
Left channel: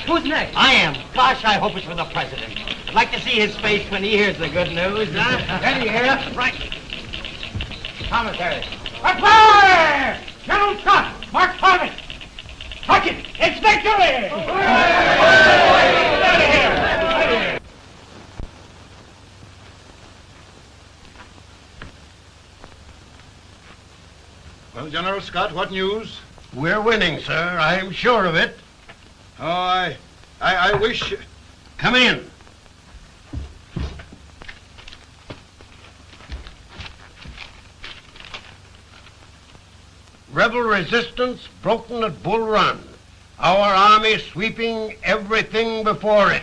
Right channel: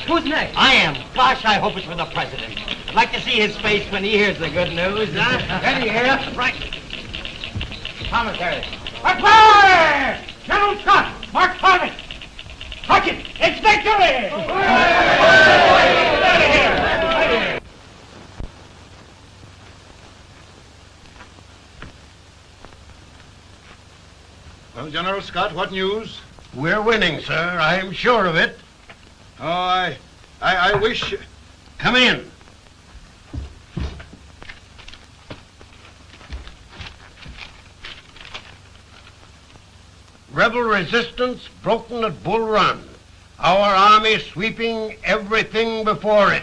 Who's next? I am. Gosh, I hope it's for the president. I'd like to see his face when he hears the good news. Ready here. Right. Commissary. Fire! General Scott! Mark target! Sergeant, it's victory! Well, General Scott, what news? We're winning, sir. I am sure of it. Oh, I wish... Come in. Rebel resistance broken at Bull Run. Our army sweeping everything before it.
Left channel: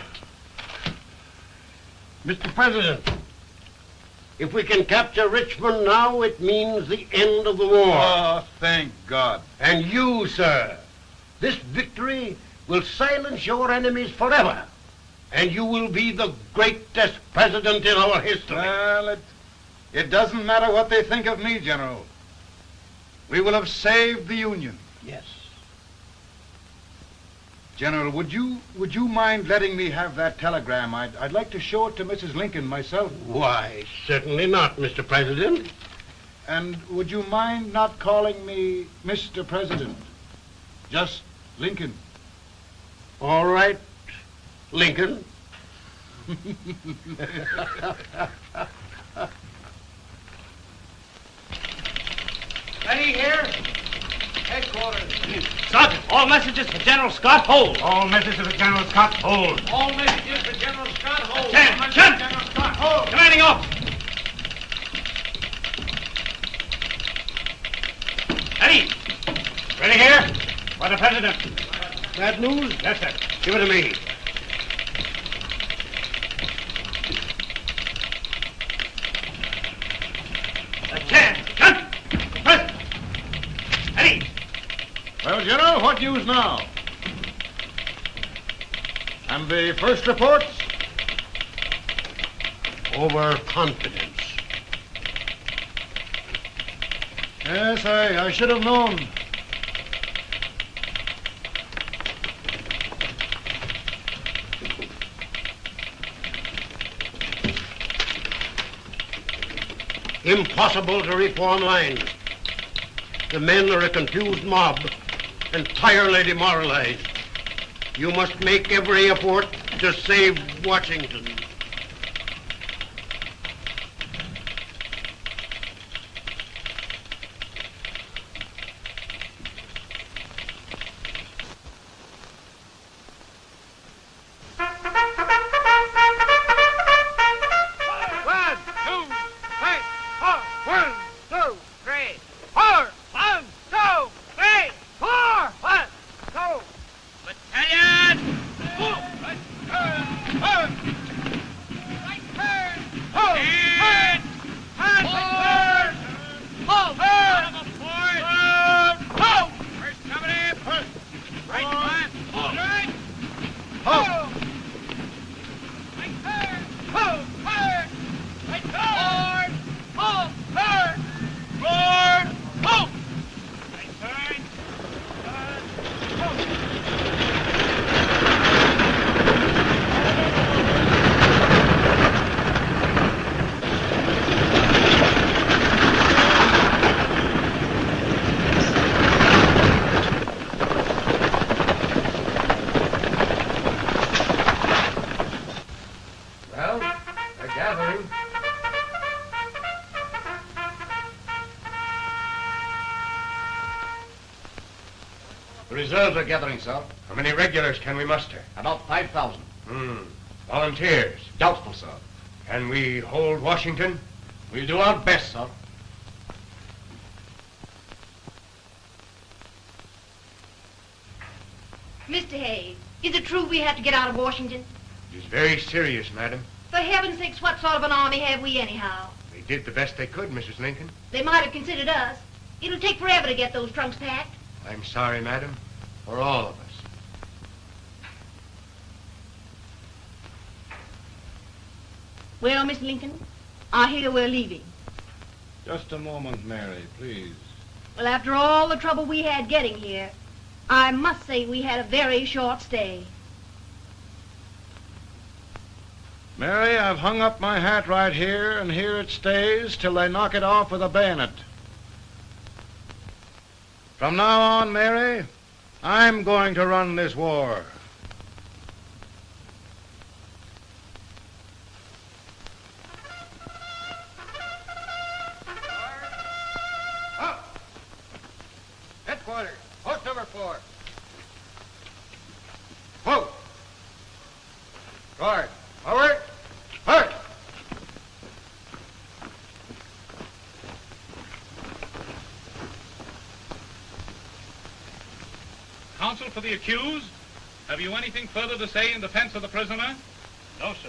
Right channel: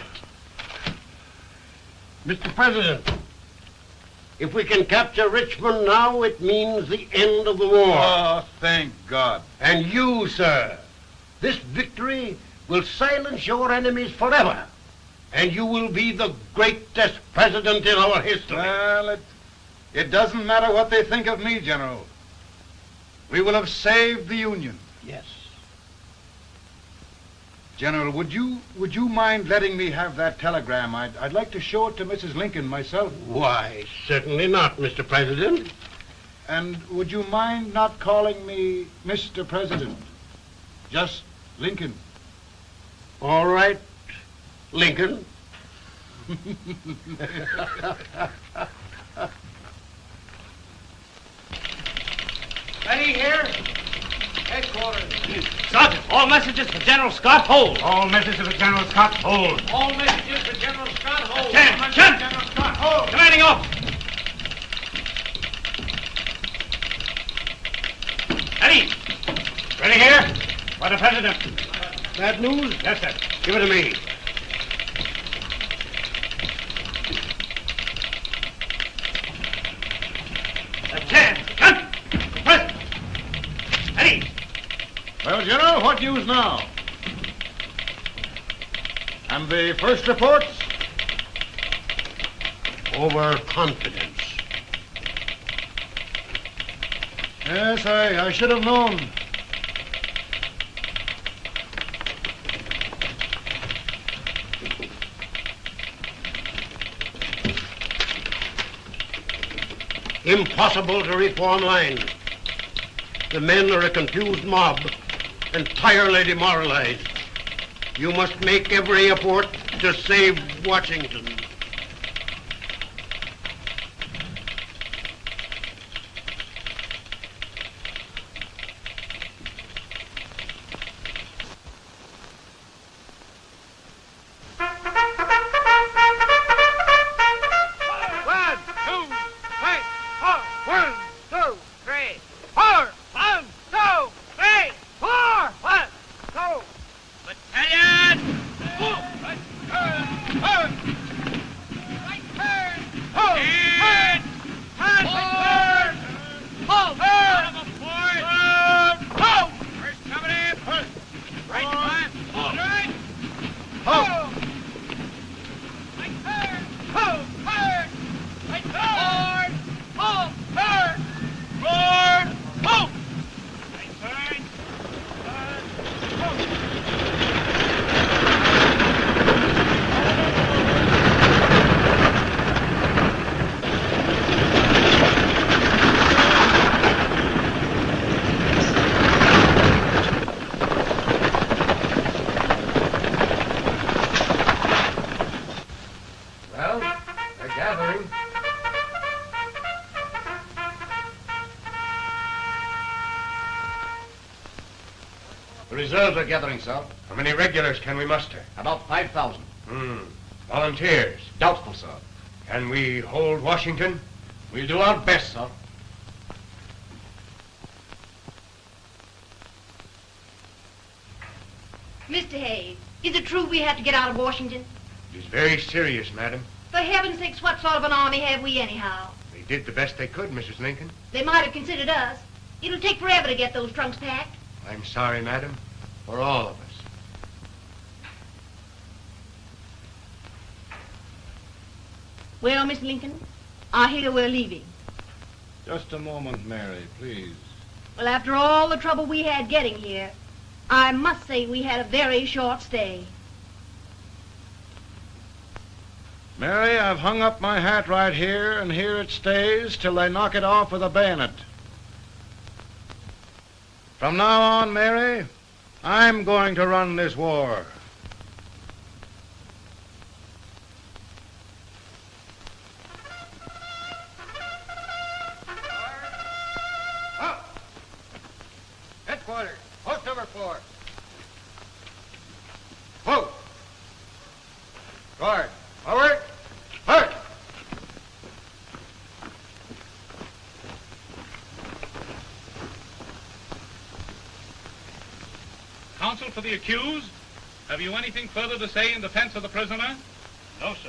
Mr. President, if we can capture Richmond now, it means the end of the war. Oh, thank God. And you, sir, this victory will silence your enemies forever. And you will be the greatest president in our history. Well, it doesn't matter what they think of me, General. We will have saved the Union. Yes. General, would you mind letting me have that telegram? I'd like to show it to Mrs. Lincoln myself. Why, certainly not, Mr. President. And would you mind not calling me Mr. President? Just Lincoln. All right, Lincoln. Ready here. Headquarters. Sergeant, all messages for General Scott, hold. All messages for General Scott, hold. All messages to General Scott, hold. General Scott, hold. Commanding up. Ready. Ready here? For the President. Bad news? Yes, sir. Give it to me. Well, General, what news now? And the first reports? Overconfidence. Yes, I should have known. Impossible to reform lines. The men are a confused mob, entirely demoralized. You must make every effort to save Washington. Reserves are gathering, sir. How many regulars can we muster? About 5,000. Volunteers? Doubtful, sir. Can we hold Washington? We'll do our best, sir. Mr. Hayes, is it true we have to get out of Washington? It's very serious, madam. For heaven's sakes, what sort of an army have we anyhow? They did the best they could, Mrs. Lincoln. They might have considered us. It'll take forever to get those trunks packed. I'm sorry, madam, for all of us. Well, Miss Lincoln, I hear we're leaving. Just a moment, Mary, please. Well, after all the trouble we had getting here, I must say we had a very short stay. Mary, I've hung up my hat right here, and here it stays till they knock it off with a bayonet. From now on, Mary, I'm going to run this war. Headquarters, post number 4. Whoa! Guard, forward, march! Counsel for the accused, have you anything further to say in defense of the prisoner? No, sir.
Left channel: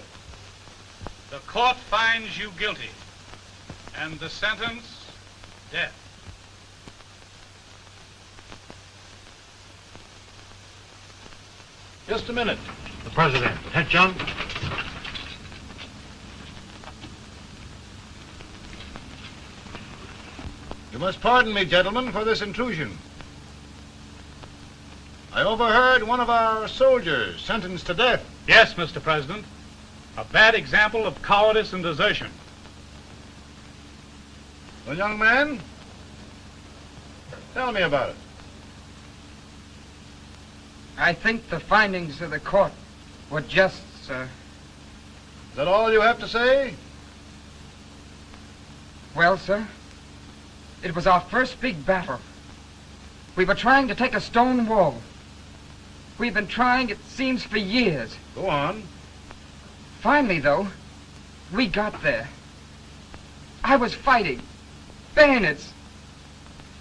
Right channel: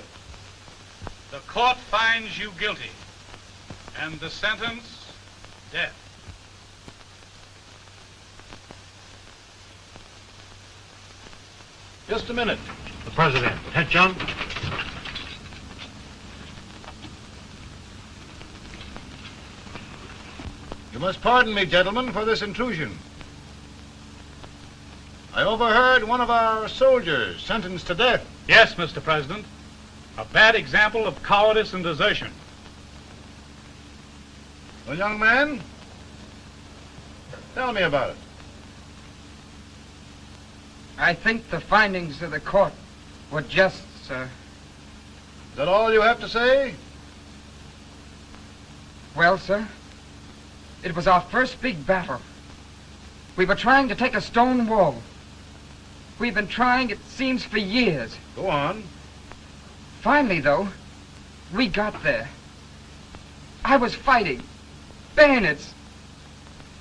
The court finds you guilty, and the sentence, death. Just a minute. The President. Attention. You must pardon me, gentlemen, for this intrusion. I overheard one of our soldiers sentenced to death. Yes, Mr. President. A bad example of cowardice and desertion. Well, young man, tell me about it. I think the findings of the court were just, sir. Is that all you have to say? Well, sir, it was our first big battle. We were trying to take a stone wall. We've been trying, it seems, for years. Go on. Finally, though, we got there. I was fighting. Bayonets.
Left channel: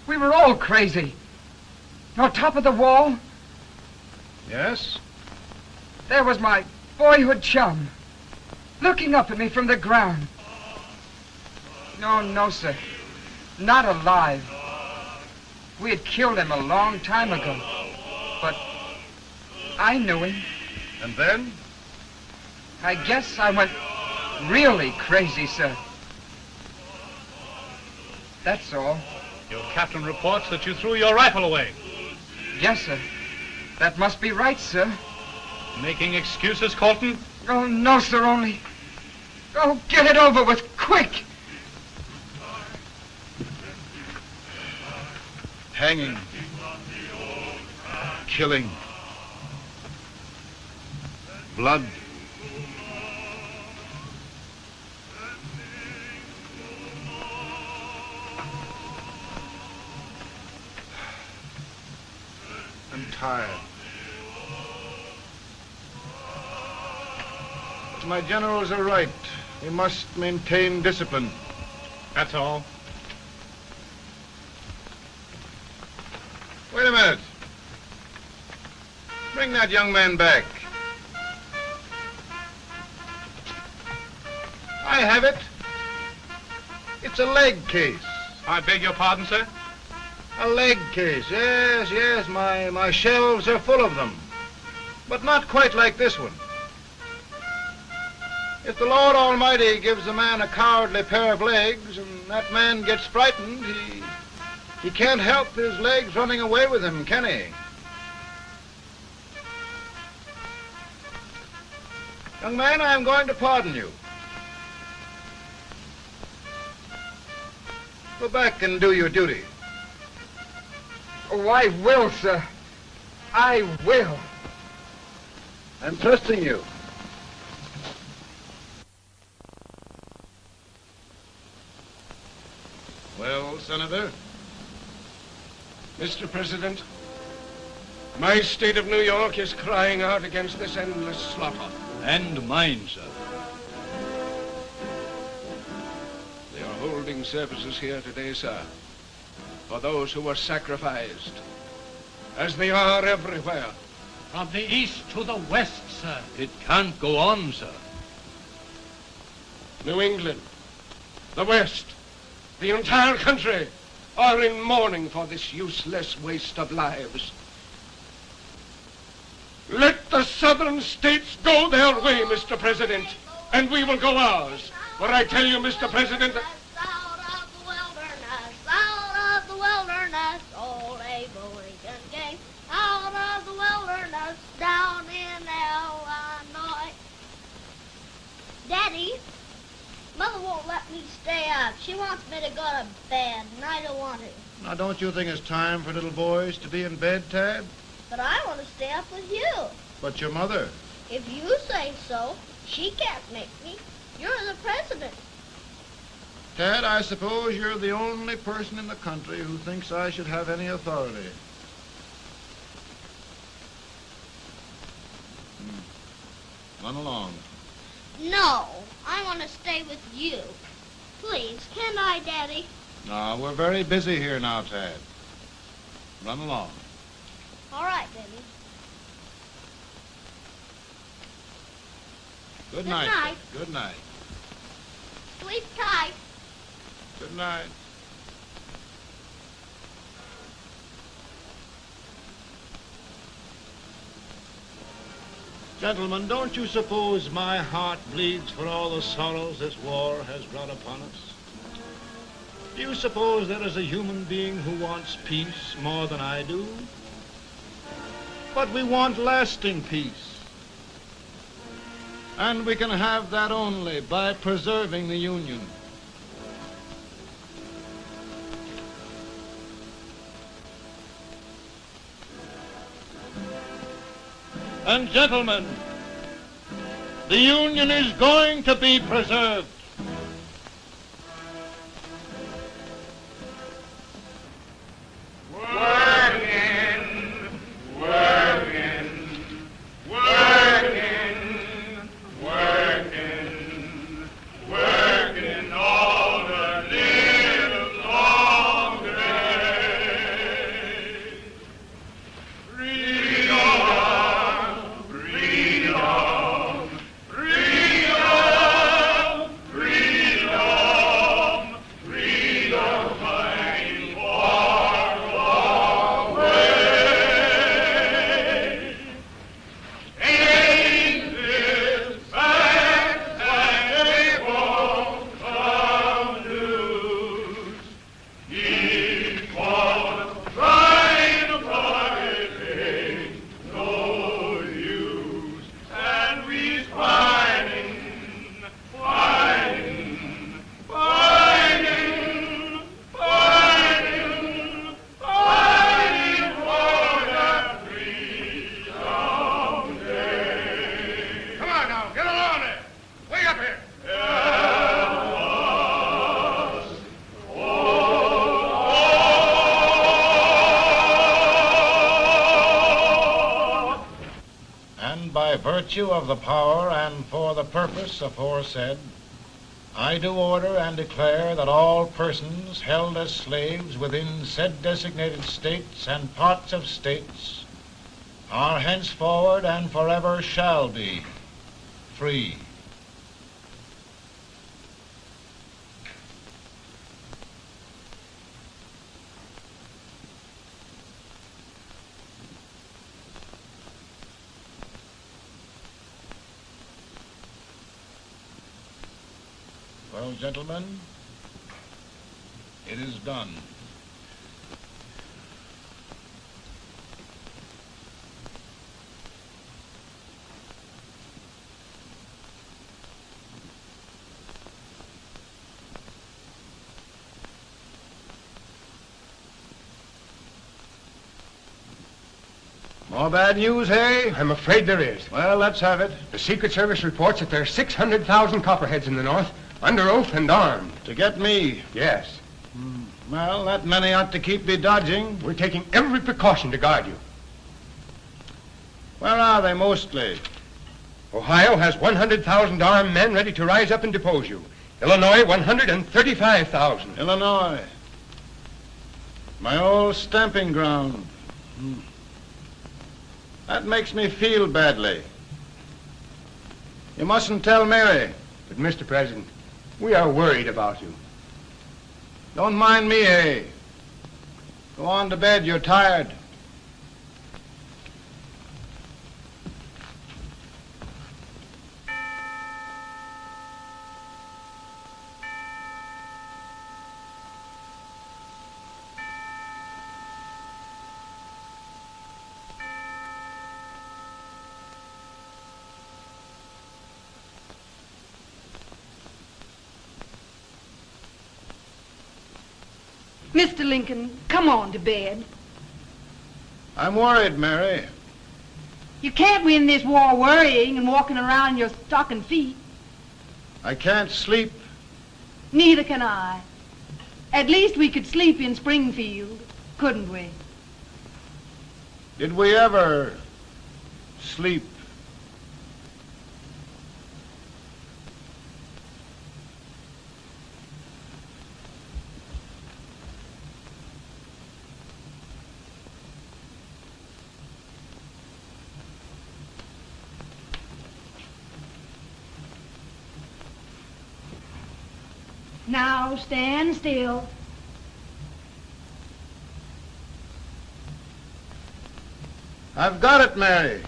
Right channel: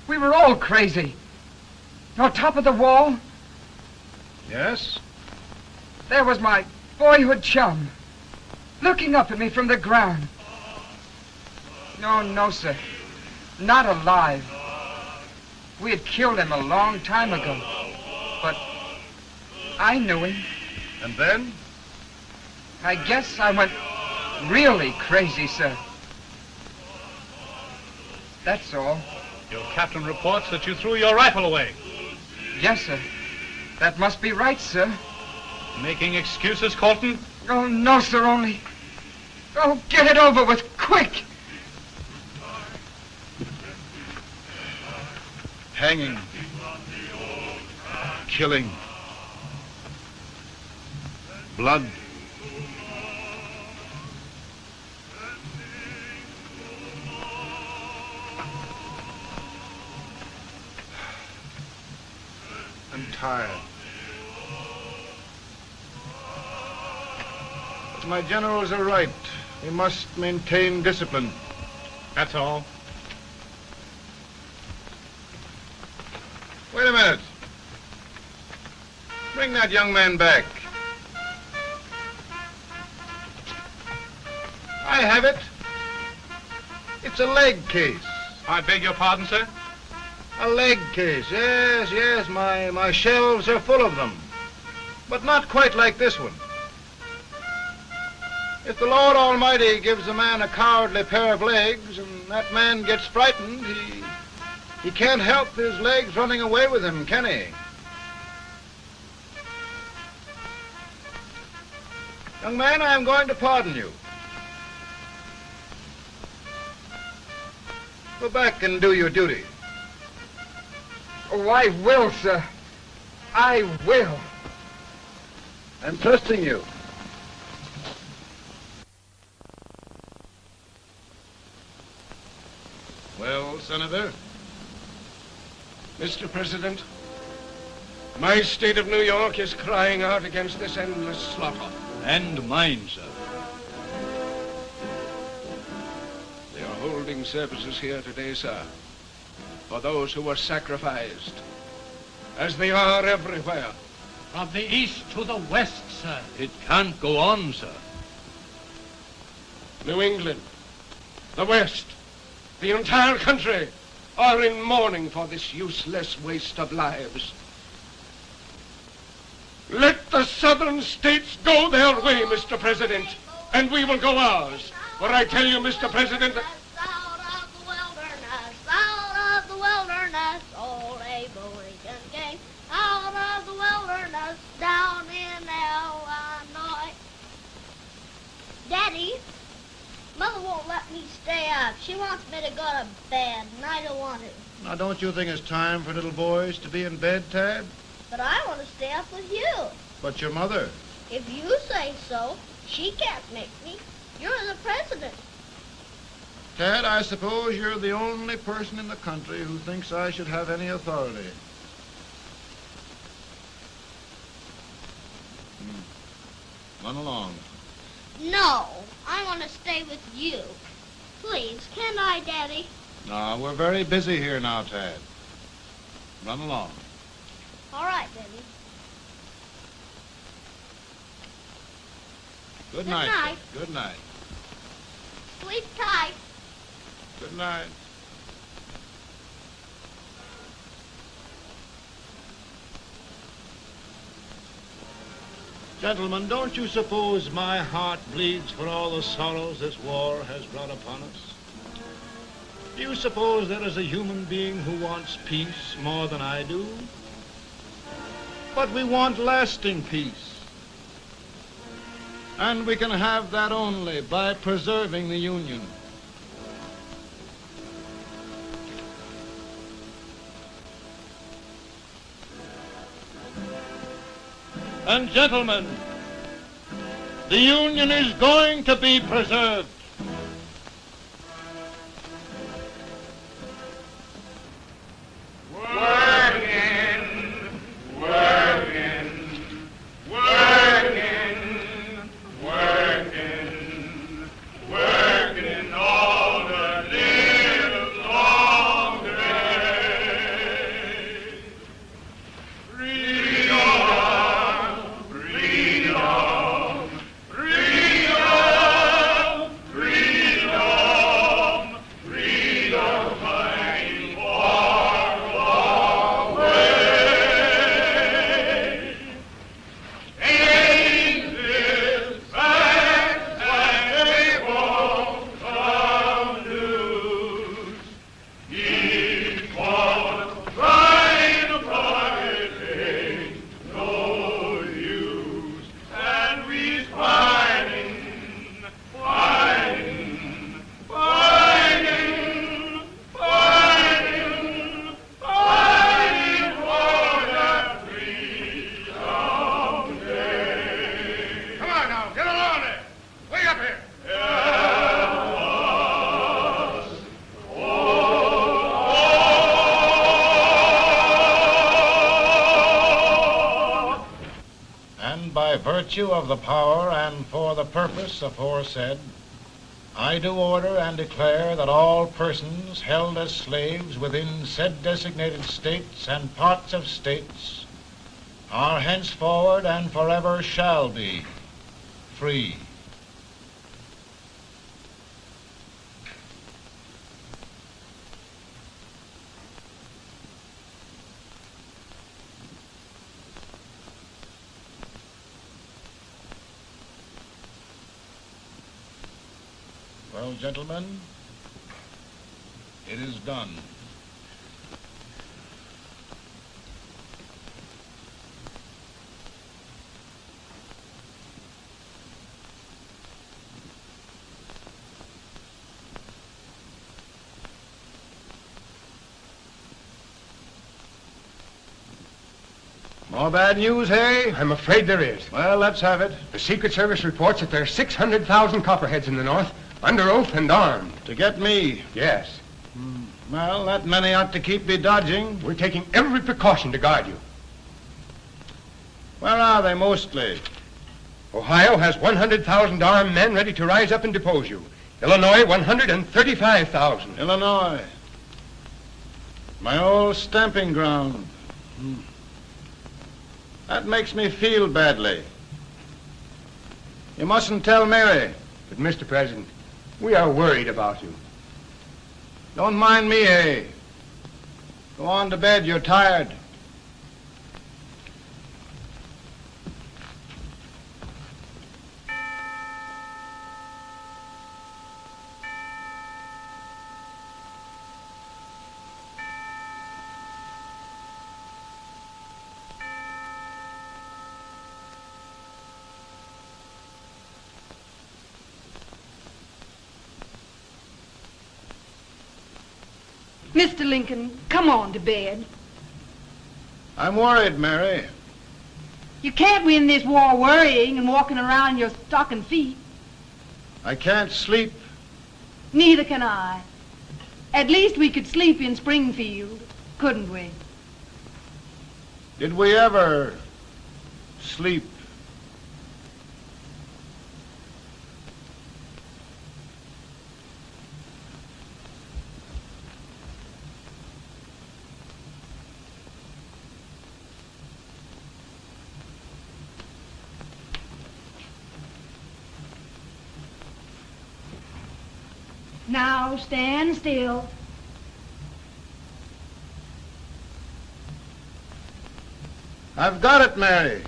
We were all crazy. On top of the wall, Yes? there was my boyhood chum, looking up at me from the ground. No, sir. Not alive. We had killed him a long time ago. But I knew him. And then? I guess I went really crazy, sir. That's all. Your captain reports that you threw your rifle away. Yes, sir. That must be right, sir. Making excuses, Colton? Oh, no, sir, only... Oh, get it over with, quick! Hanging. Killing. Blood. I'm tired. But my generals are right. We must maintain discipline. That's all. Wait a minute. Bring that young man back. I have it. It's a leg case. I beg your pardon, sir? A leg case, yes. My shelves are full of them. But not quite like this one. If the Lord Almighty gives a man a cowardly pair of legs and that man gets frightened, he can't help his legs running away with him, can he? Young man, I am going to pardon you. Go back and do your duty. Oh, I will, sir. I will. I'm trusting you. Well, Senator? Mr. President, My state of New York is crying out against this endless slaughter. And mine, sir. They are holding services here today, sir, for those who were sacrificed, as they are everywhere. From the east to the west, sir. It can't go on, sir. New England, the West, the entire country are in mourning for this useless waste of lives. Let the southern states go their way, Mr. President, and we will go ours. For I tell you, Mr. President, Out of the wilderness, old Abraham Lincoln came. Out of the wilderness, down in Illinois. Daddy, Mother won't let me stay up. She wants me to go to bed, and I don't want to. Now, don't you think it's time for little boys to be in bed, Tad? But I want to stay up with you. But your mother. If you say so, she can't make me. You're the president. Tad, I suppose you're the only person in the country who thinks I should have any authority. Run along. No, I want to stay with you. Please, can I, Daddy? No, we're very busy here now, Tad. Run along. All right, Daddy. Good night. night. Good night. Sleep tight. Good night. Gentlemen, don't you suppose my heart bleeds for all the sorrows this war has brought upon us? Do you suppose there is a human being who wants peace more than I do? But we want lasting peace. And we can have that only by preserving the Union. And gentlemen, the Union is going to be preserved. Working, working, working, working, working all the live long day. Freedom, freedom, freedom, freedom, freedom, fighting for the way. Ain't this fact that they won't come loose? Keep on trying for it ain't no use. And we's fighting, fighting, fighting, fighting, fighting for that freedom day. Come on now, get along there. Way up here. And by virtue of the power and for the purpose aforesaid, I do order and declare that all persons held as slaves within said designated states and parts of states are henceforward and forever shall be free. Well, gentlemen, it is done. More bad news, hey? I'm afraid there is. Well, let's have it. The Secret Service reports that there are 600,000 copperheads in the North, under oath and armed. To get me? Yes. Well, that many ought to keep me dodging. We're taking every precaution to guard you. Where are they mostly? Ohio has 100,000 armed men ready to rise up and depose you. Illinois, 135,000. Illinois. My old stamping ground. That makes me feel badly. You mustn't tell Mary. But, Mr. President, we are worried about you. Don't mind me, eh? Go on to bed, you're tired. Mr. Lincoln, come on to bed. I'm worried, Mary. You can't win this war worrying and walking around in your stocking feet. I can't sleep. Neither can I. At least we could sleep in Springfield, couldn't we? Did we ever sleep? Now stand still. I've got it, Mary.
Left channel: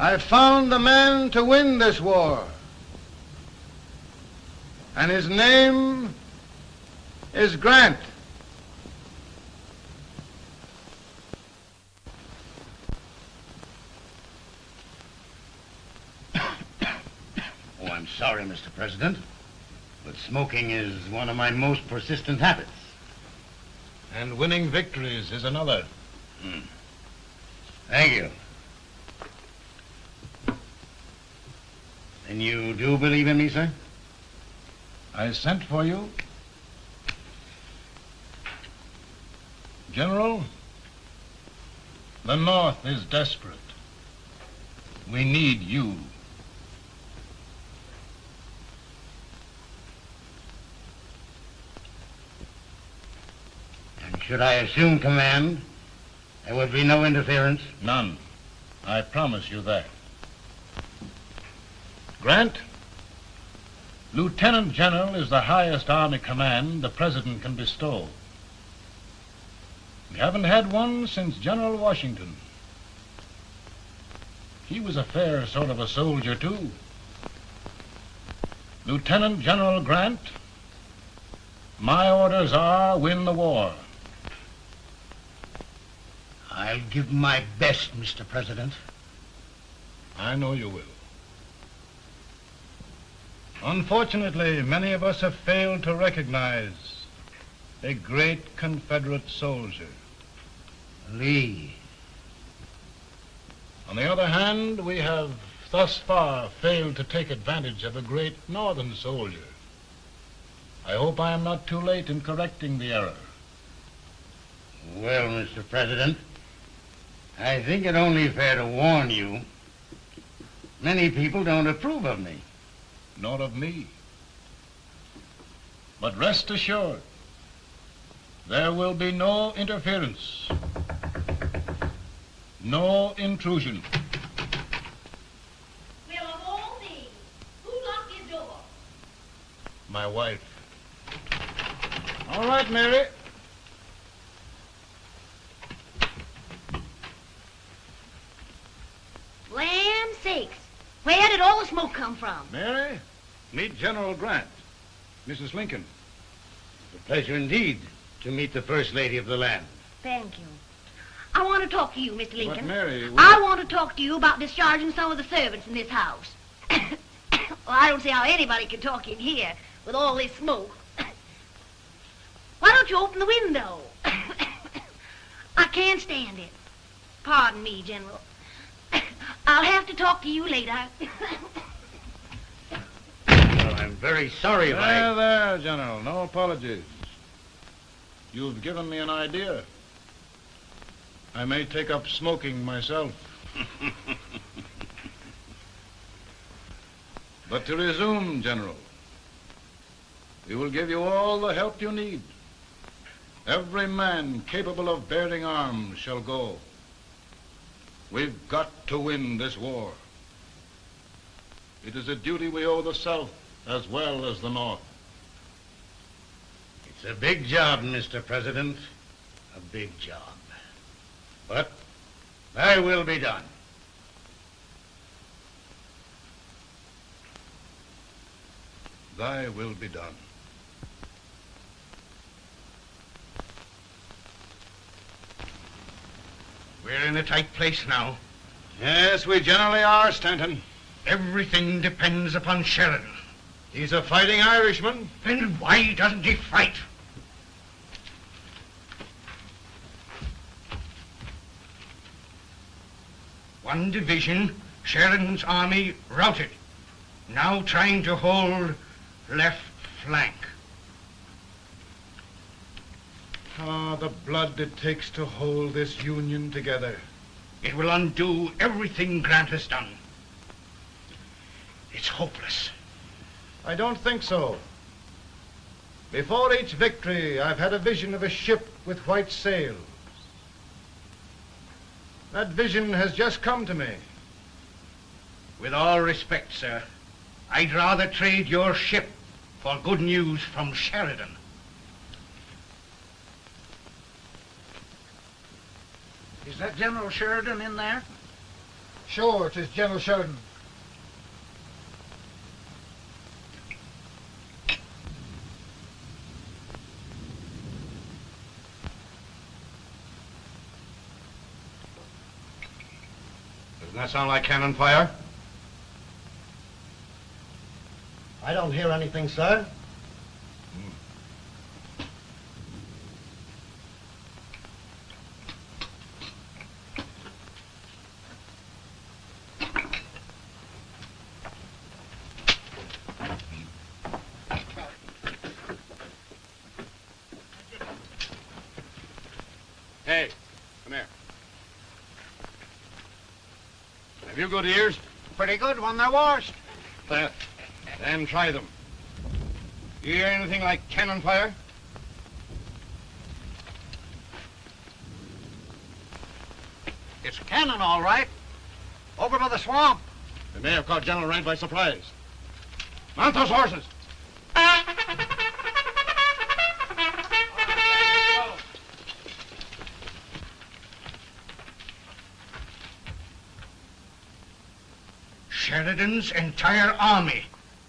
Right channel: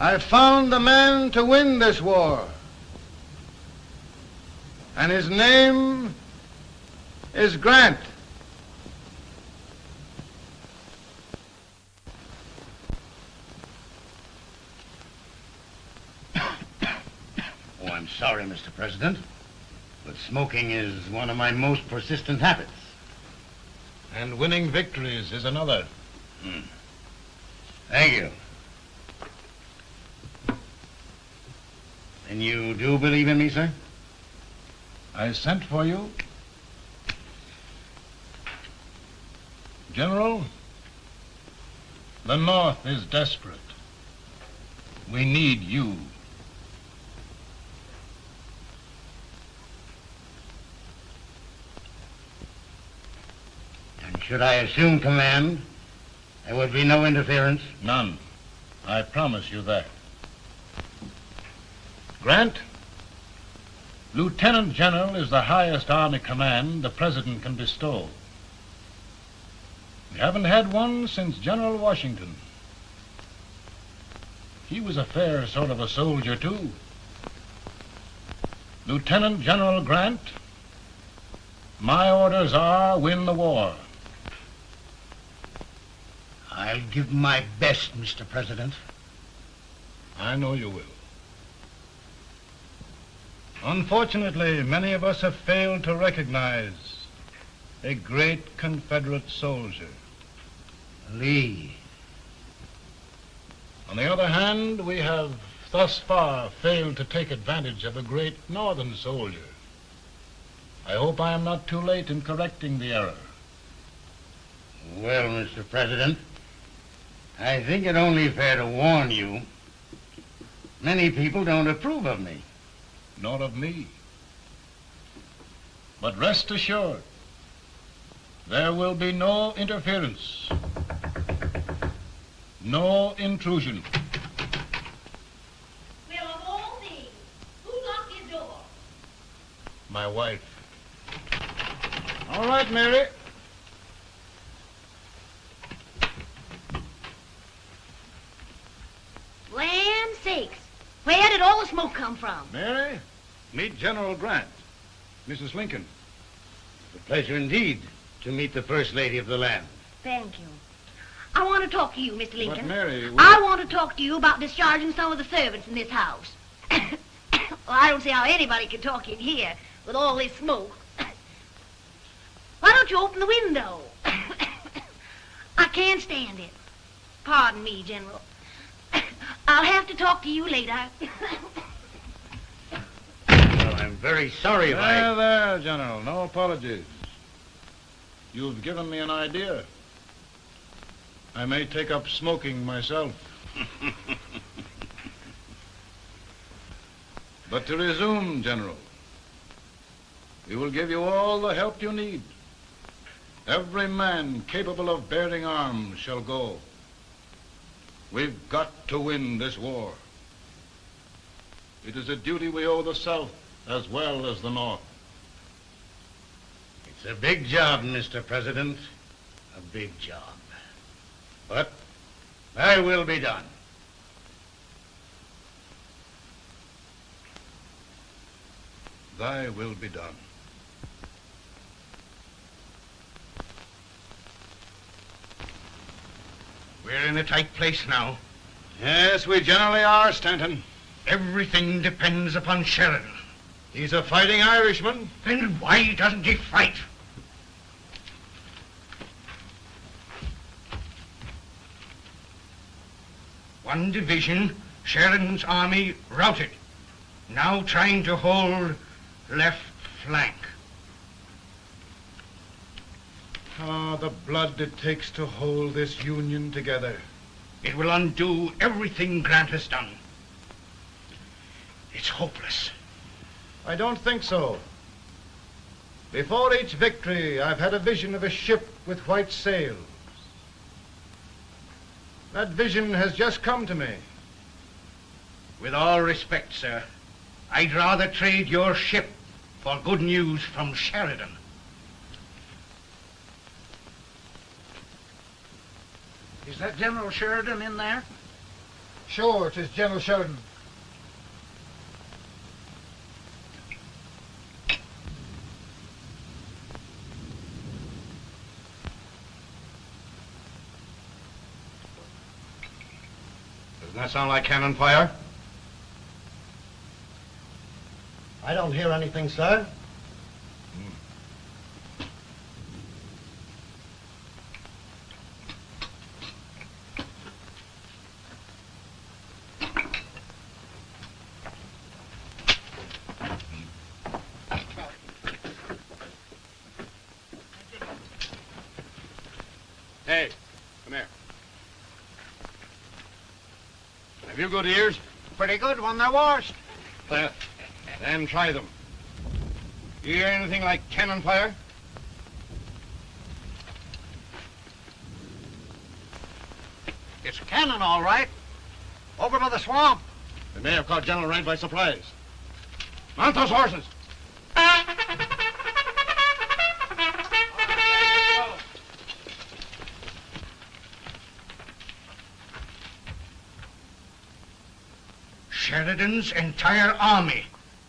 I've found the man to win this war. And his name is Grant. Oh, I'm sorry, Mr. President, but smoking is one of my most persistent habits. And winning victories is another. Thank you. And you do believe in me, sir? I sent for you. General, the North is desperate. We need you. And should I assume command, there would be no interference? None. I promise you that. Grant, Lieutenant General is the highest army command the President can bestow. We haven't had one since General Washington. He was a fair sort of a soldier, too. Lieutenant General Grant, my orders are win the war. I'll give my best, Mr. President. I know you will. Unfortunately, many of us have failed to recognize a great Confederate soldier. Lee. On the other hand, we have thus far failed to take advantage of a great Northern soldier. I hope I am not too late in correcting the error. Well, Mr. President, I think it only fair to warn you. Many people don't approve of me. Nor of me. But rest assured, there will be no interference, no intrusion. Well, of all things, who locked your door? My wife. All right, Mary. Land sakes, where did all the smoke come from? Mary, meet General Grant, Mrs. Lincoln. It's a pleasure indeed to meet the First Lady of the land. Thank you. I want to talk to you, Mr. Lincoln. But Mary, I want to talk to you about discharging some of the servants in this house. Well, I don't see how anybody can talk in here with all this smoke. Why don't you open the window? I can't stand it. Pardon me, General. I'll have to talk to you later. Well, I'm very sorry if I... There, General. No apologies. You've given me an idea. I may take up smoking myself. But to resume, General, we will give you all the help you need. Every man capable of bearing arms shall go. We've got to win this war. It is a duty we owe the South as well as the North. It's a big job, Mr. President. A big job. But thy will be done. Thy will be done. We're in a tight place now. Yes, we generally are, Stanton. Everything depends upon Sheridan. He's a fighting Irishman. Then why doesn't he fight? One division, Sheridan's army, routed. Now trying to hold left flank. Ah, the blood it takes to hold this Union together. It will undo everything Grant has done. It's hopeless. I don't think so. Before each victory, I've had a vision of a ship with white sails. That vision has just come to me. With all respect, sir, I'd rather trade your ship for good news from Sheridan. Is that General Sheridan in there? Sure, it is General Sheridan. Doesn't that sound like cannon fire? I don't hear anything, sir. Hey, come here. Have you good ears? Pretty good when they're washed. Then try them. You hear anything like cannon fire? It's cannon, all right. Over by the swamp. They may have caught General Wright by surprise. Mount those horses! Sheridan's entire army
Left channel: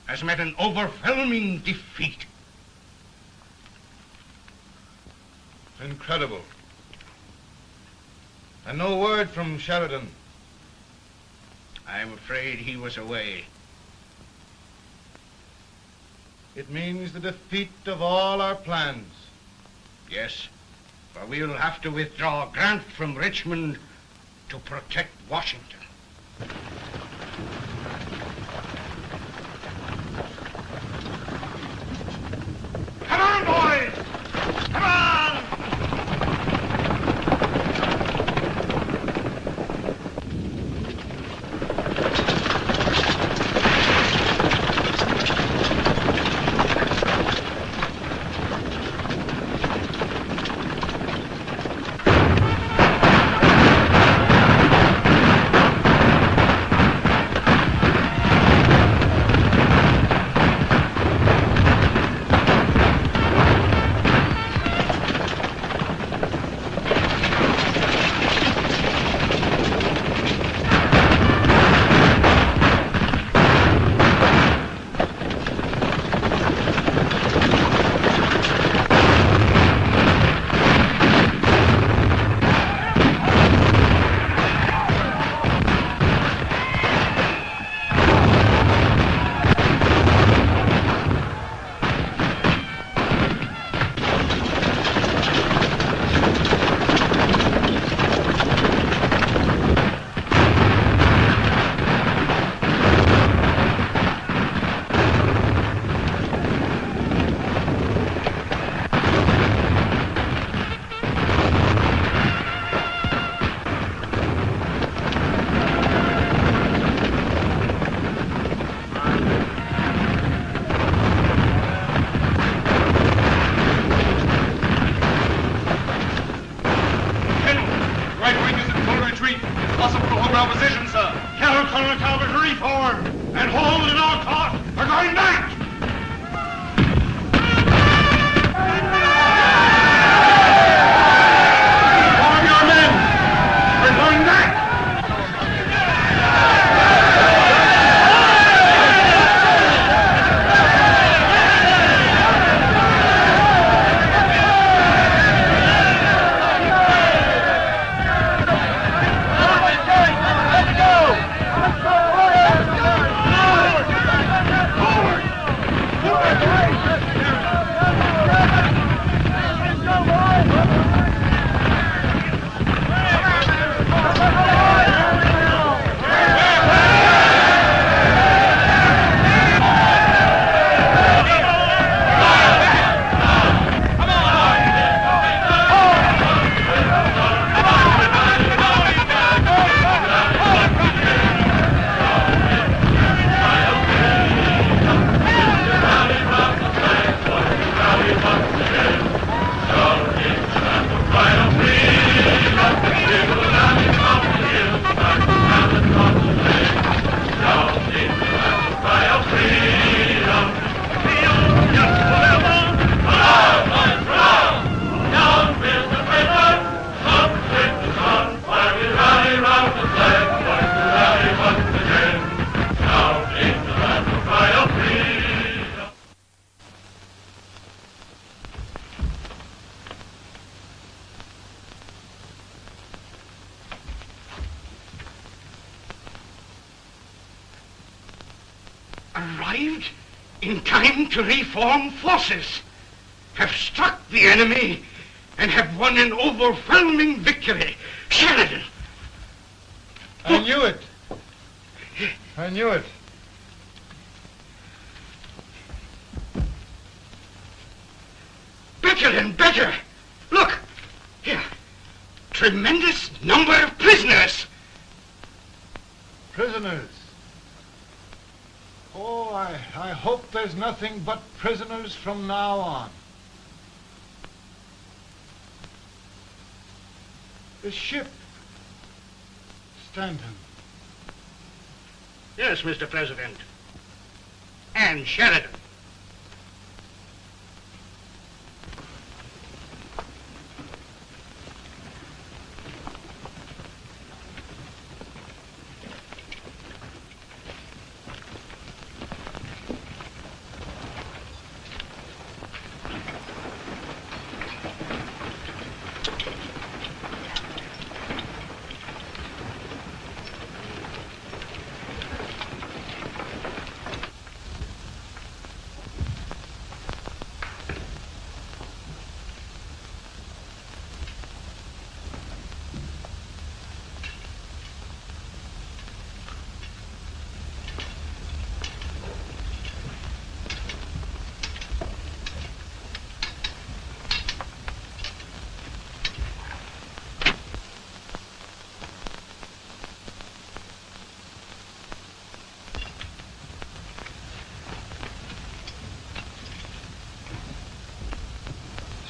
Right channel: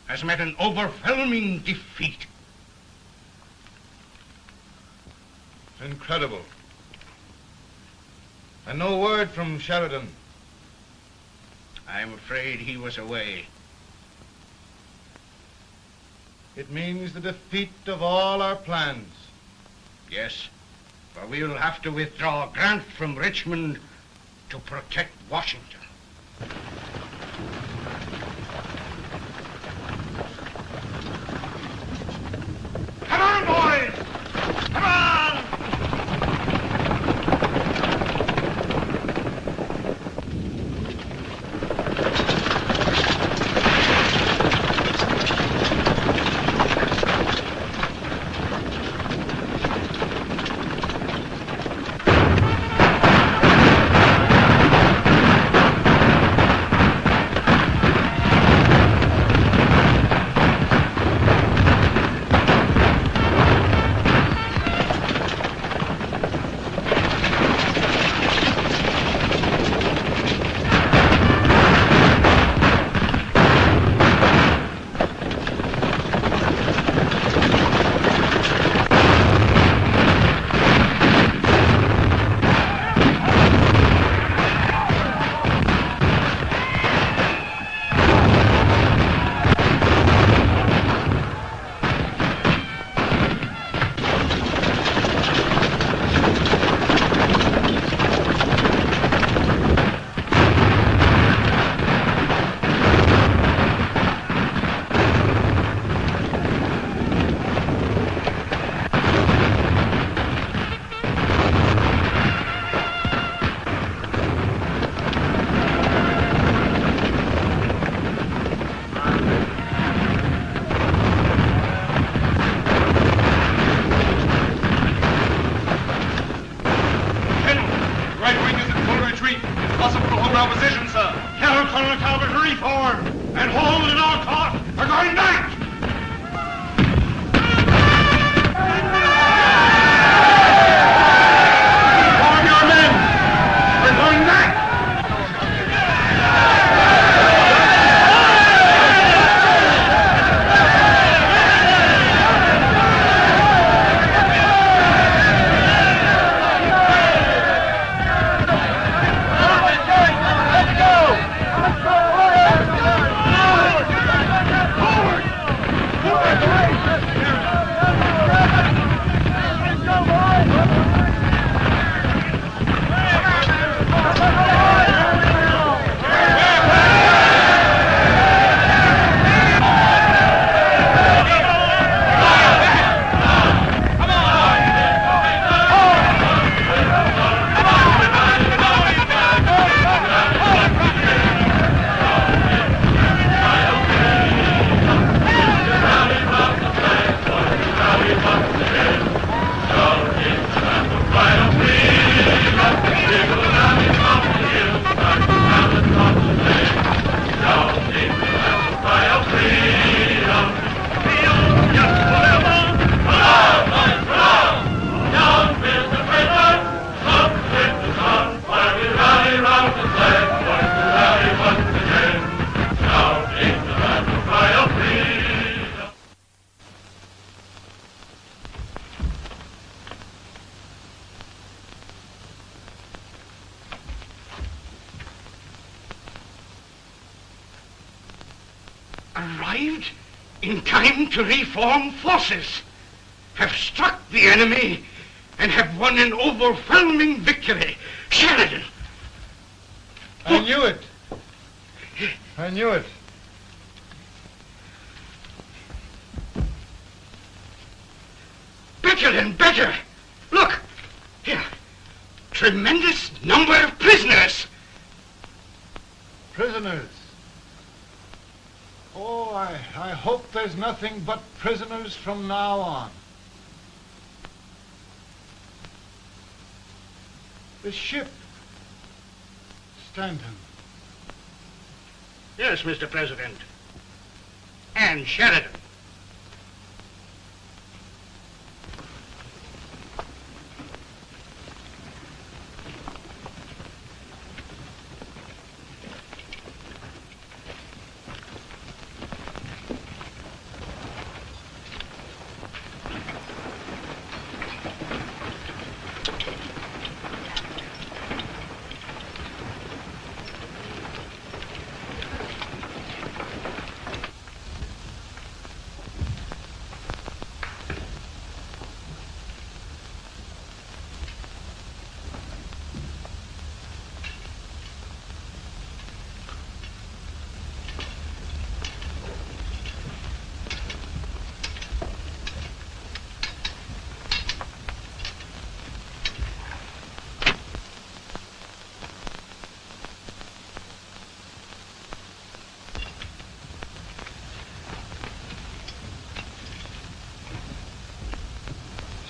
has met an overwhelming defeat. It's incredible. And no word from Sheridan. I'm afraid he was away. It means the defeat of all our plans. Yes, for we'll have to withdraw Grant from Richmond to protect Washington. Come on, boys! Come on! in time to reform forces, have struck the enemy, and have won an overwhelming victory. Sheridan! I knew it. I knew it. Better and better. Look, here. Tremendous number of prisoners. Prisoners. Oh, I hope there's nothing but prisoners from now on. The ship. Stanton. Yes, Mr. President. And Sheridan.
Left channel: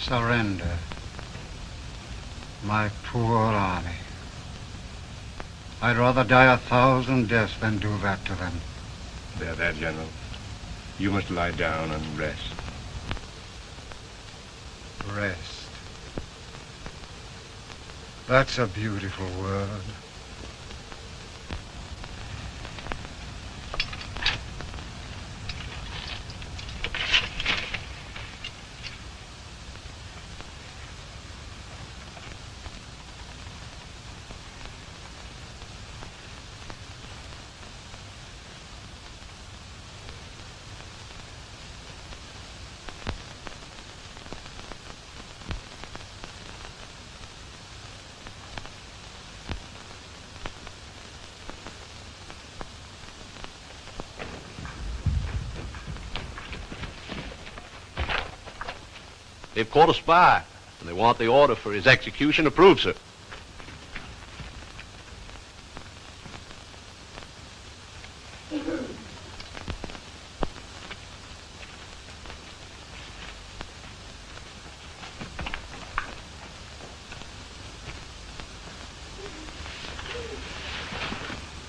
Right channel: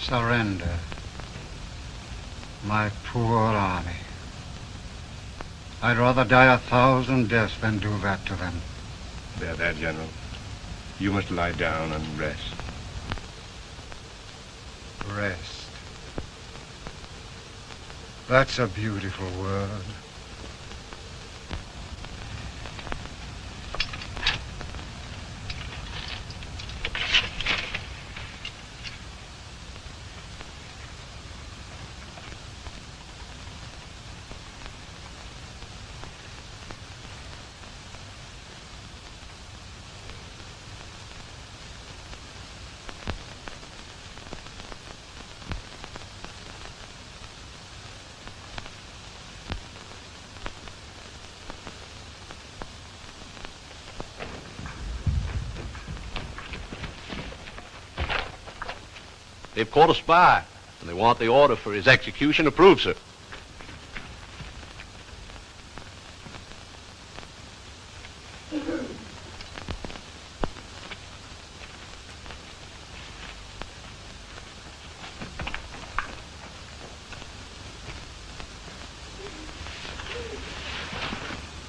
Surrender. My poor army. I'd rather die 1,000 deaths than do that to them. There, General. You must lie down and rest. Rest. That's a beautiful word. They've caught a spy, and they want the order for his execution approved, sir.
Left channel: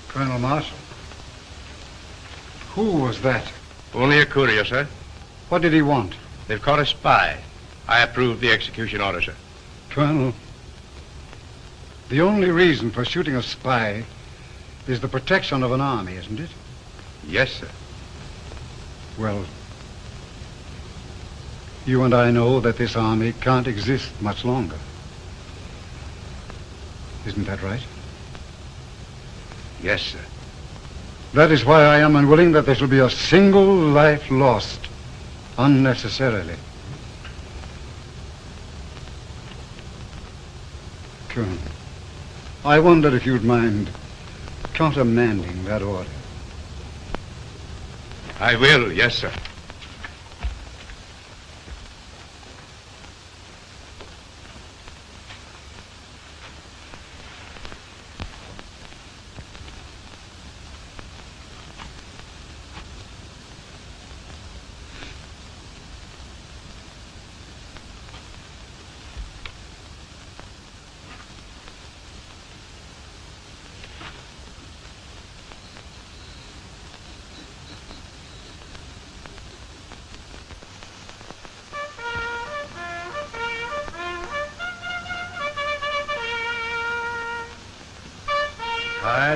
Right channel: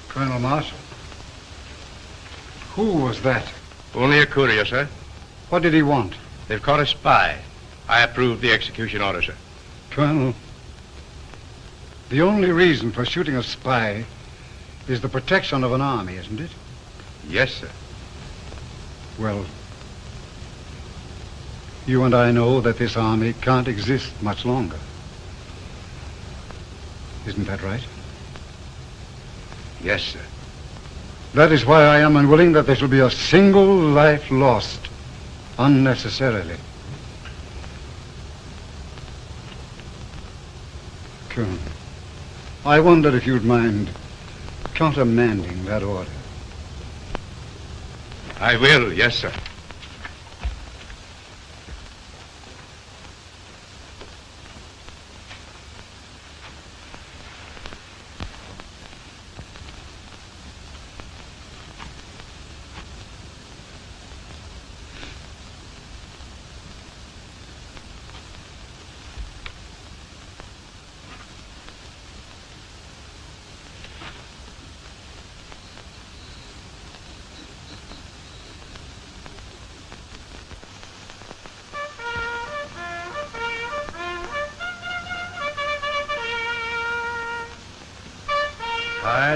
Colonel Marshall. Who was that? Only a courier, sir. What did he want? They've caught a spy. I approve the execution order, sir. Colonel, the only reason for shooting a spy is the protection of an army, isn't it? Yes, sir. Well, you and I know that this army can't exist much longer. Isn't that right? Yes, sir. That is why I am unwilling that there shall be a single life lost unnecessarily. Colonel, I wonder if you'd mind countermanding that order. I will, yes, sir.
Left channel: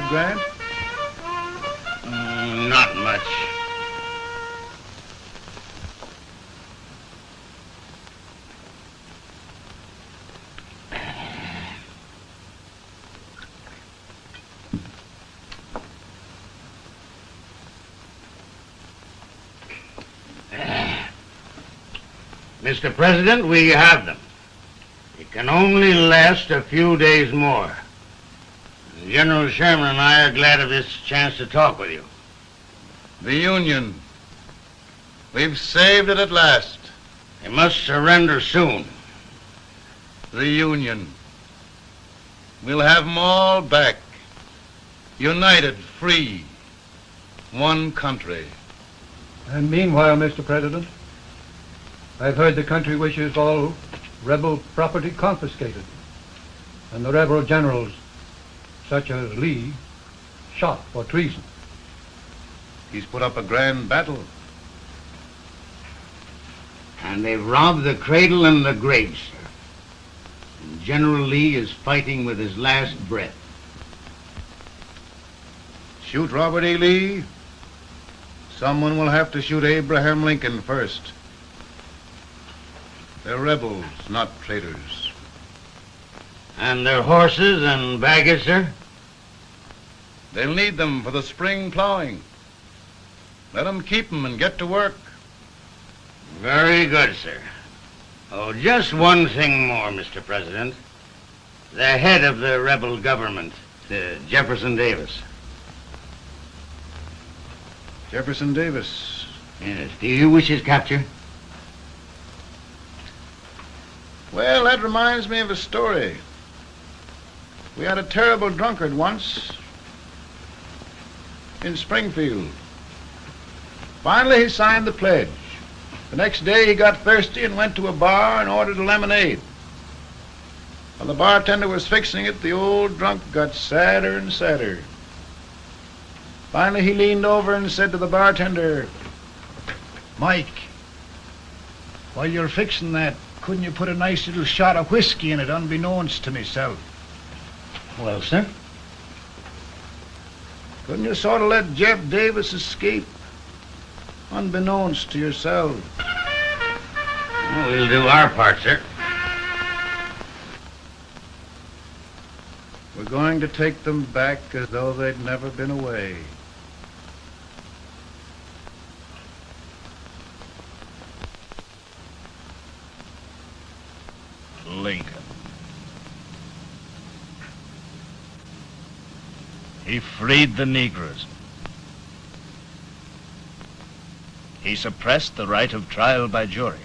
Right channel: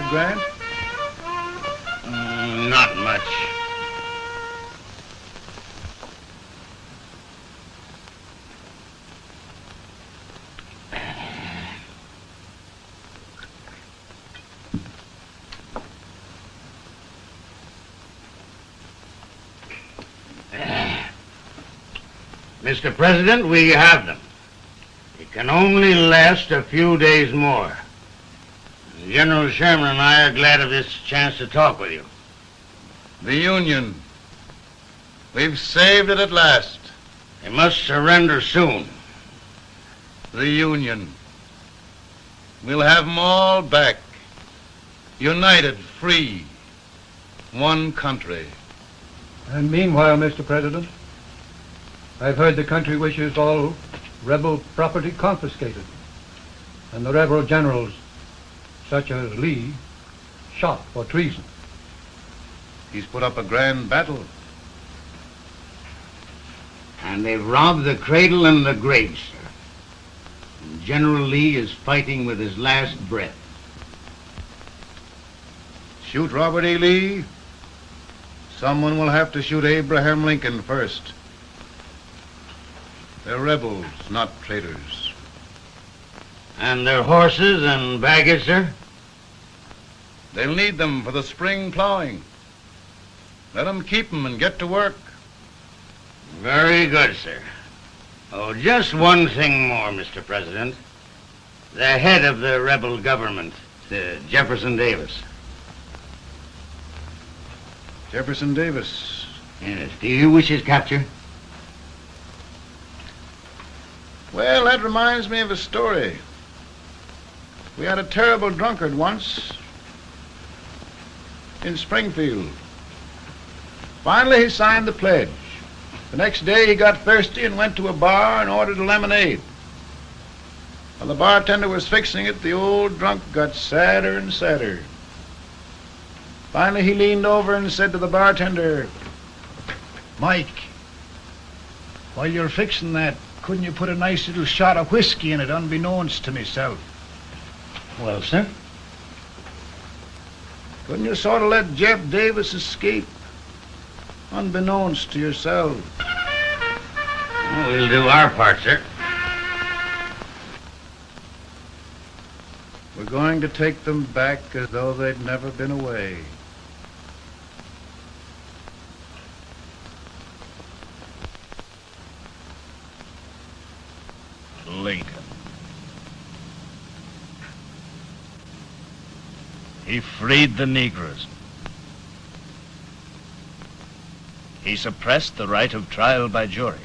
Grant? Not much. Mr. President, we have them. It can only last a few days more. General Sherman and I are glad of this chance to talk with you. The Union. We've saved it at last. They must surrender soon. The Union. We'll have them all back. United, free. One country. And meanwhile, Mr. President, I've heard the country wishes all rebel property confiscated, and the rebel generals, such as Lee, shot for treason. He's put up a grand battle. And they've robbed the cradle and the grave, sir. And General Lee is fighting with his last breath. Shoot Robert E. Lee? Someone will have to shoot Abraham Lincoln first. They're rebels, not traitors. And their horses and baggage, sir? They'll need them for the spring plowing. Let them keep them and get to work. Very good, sir. Oh, just one thing more, Mr. President. The head of the rebel government, Jefferson Davis. Jefferson Davis? Yes. Do you wish his capture? Well, that reminds me of a story. We had a terrible drunkard once in Springfield. Finally, he signed the pledge. The next day, he got thirsty and went to a bar and ordered a lemonade. While the bartender was fixing it, the old drunk got sadder and sadder. Finally, he leaned over and said to the bartender, "Mike, while you're fixing that, couldn't you put a nice little shot of whiskey in it, unbeknownst to myself?" Well, sir? Couldn't you sort of let Jeff Davis escape, unbeknownst to yourself? Well, we'll do our part, sir. We're going to take them back as though they'd never been away. Lincoln. He freed the Negroes. He suppressed the right of trial by jury.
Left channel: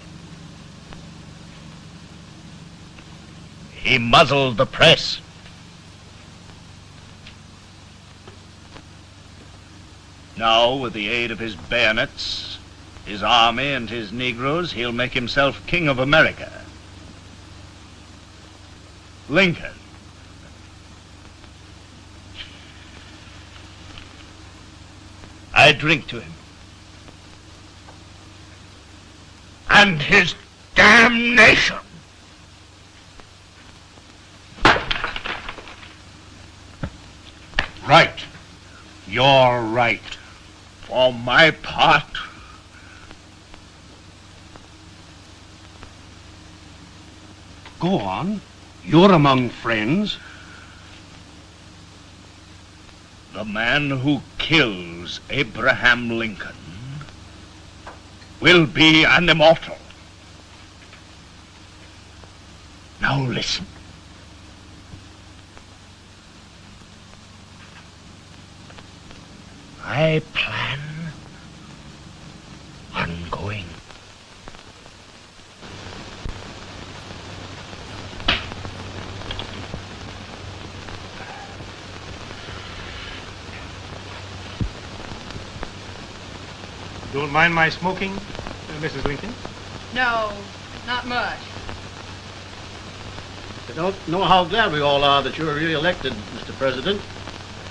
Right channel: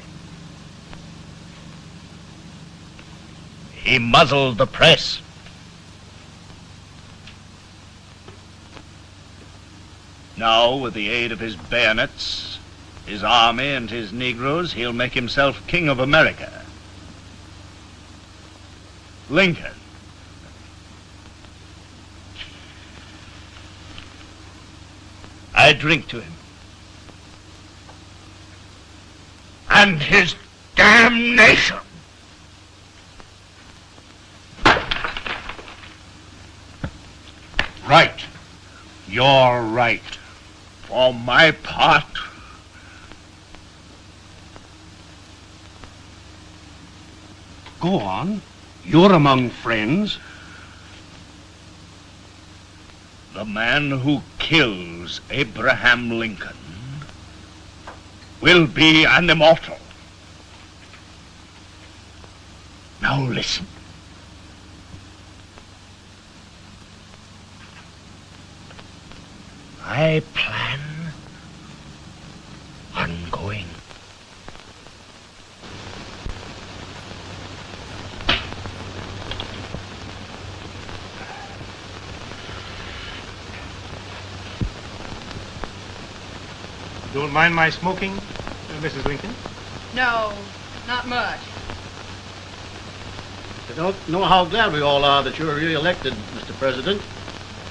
He muzzled the press. Now, with the aid of his bayonets, his army, and his Negroes, he'll make himself King of America. Lincoln. I drink to him. And his damnation. Right. You're right. For my part, Go on. You're among friends. the man who kills Abraham Lincoln will be an immortal. Now listen. I plan on going. Don't mind my smoking, Mrs. Lincoln? No, not much. I don't know how glad we all are that you were really elected, Mr. President.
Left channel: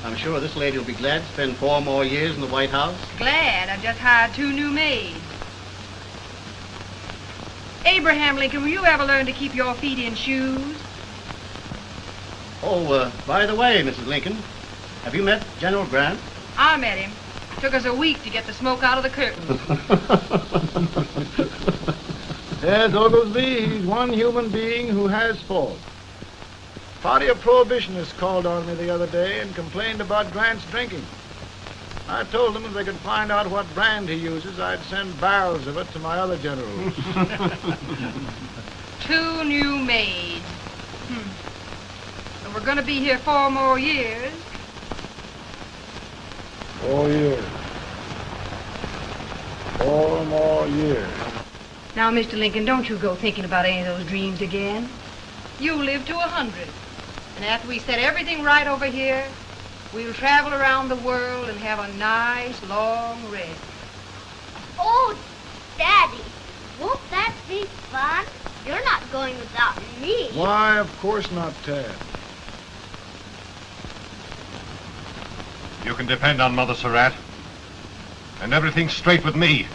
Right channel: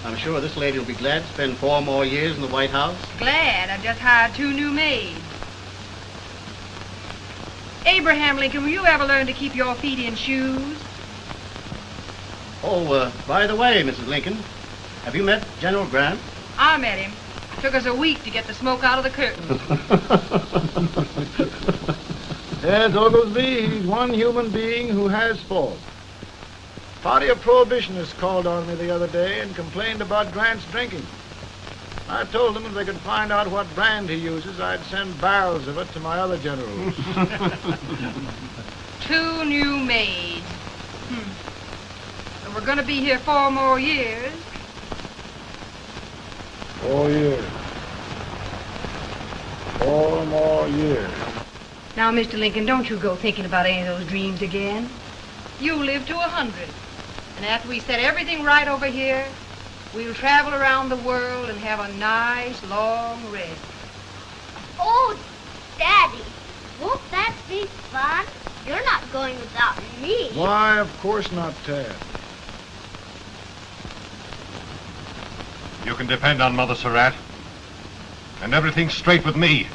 I'm sure this lady will be glad to spend 4 more years in the White House. Glad. I've just hired 2 new maids. Abraham Lincoln, will you ever learn to keep your feet in shoes? Oh, by the way, Mrs. Lincoln, have you met General Grant? I met him. Took us a week to get the smoke out of the curtain. As Oglesby, he's one human being who has faults. A party of prohibitionists called on me the other day and complained about Grant's drinking. I told them if they could find out what brand he uses, I'd send barrels of it to my other generals. 2 new maids. And we're going to be here 4 more years. 4 years. 4 more years. Now, Mr. Lincoln, don't you go thinking about any of those dreams again. You live to 100. And after we set everything right over here, we'll travel around the world and have a nice, long rest. Oh, Daddy, won't that be fun? You're not going without me. Why, of course not, Tad. You can depend on Mother Surratt. And everything's straight with me.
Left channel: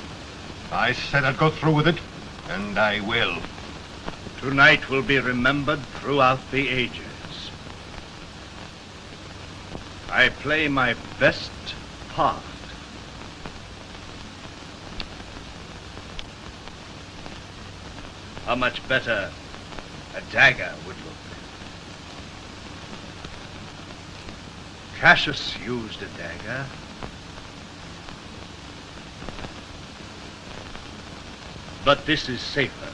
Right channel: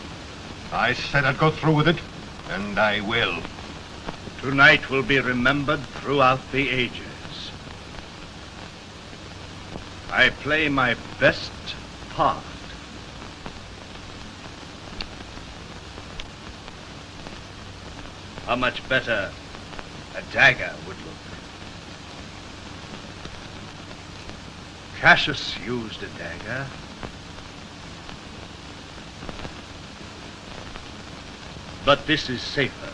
I said I'd go through with it, and I will. Tonight will be remembered throughout the ages. I play my best part. How much better a dagger would look? Cassius used a dagger. But this is safer.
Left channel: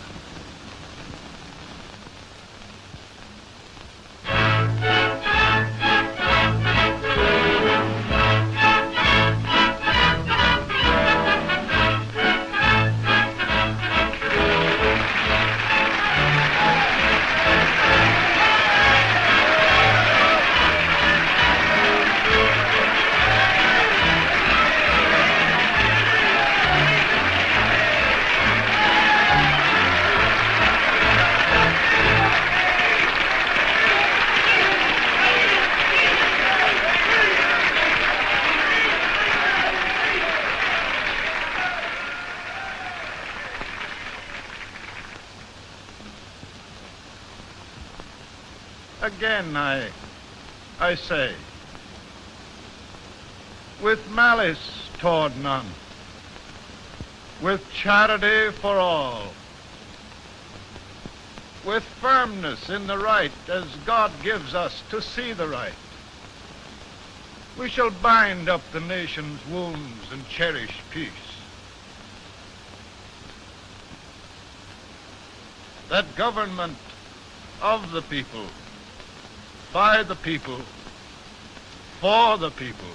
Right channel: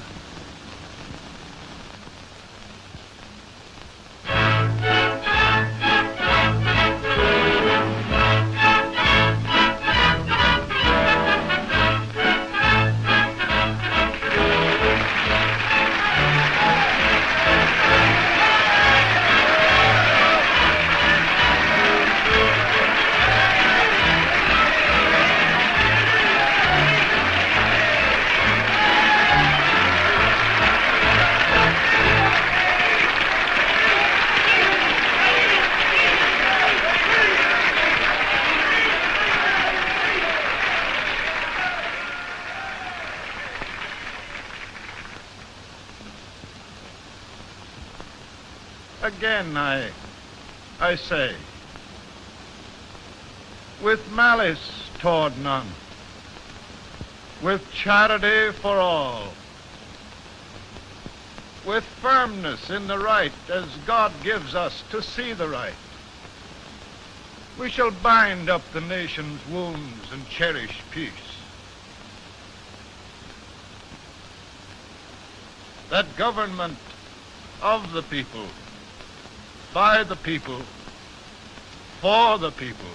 Again, I say, with malice toward none, with charity for all, with firmness in the right as God gives us to see the right, we shall bind up the nation's wounds and cherish peace. That government of the people, by the people, for the people,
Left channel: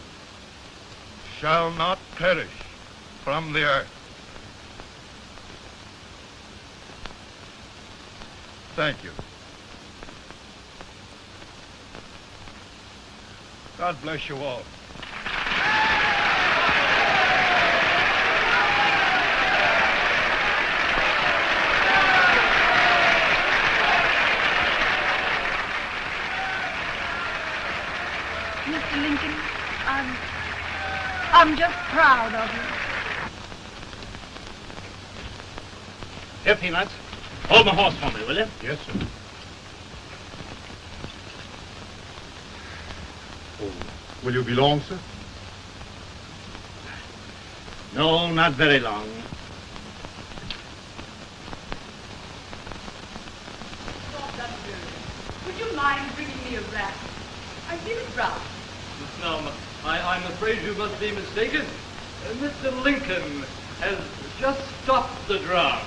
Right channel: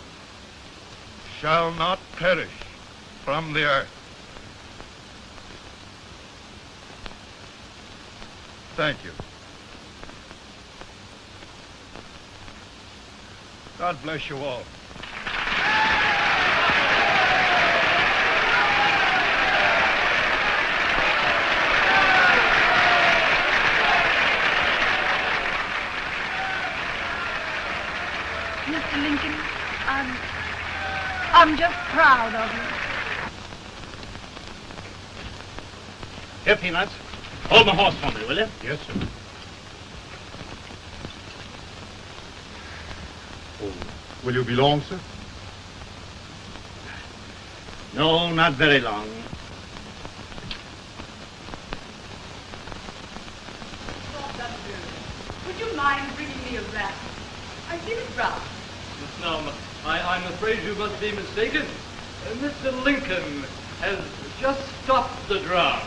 shall not perish from the earth. Thank you. God bless you all. I'm just proud of you. Here, Peanuts. Hold my horse for me, will you? Yes, sir. Oh, will you be long, sir? No, not very long. Would you mind bringing me a wrap? I feel it rough. No, I'm afraid you must be mistaken. Mr. Lincoln has just stopped the draft.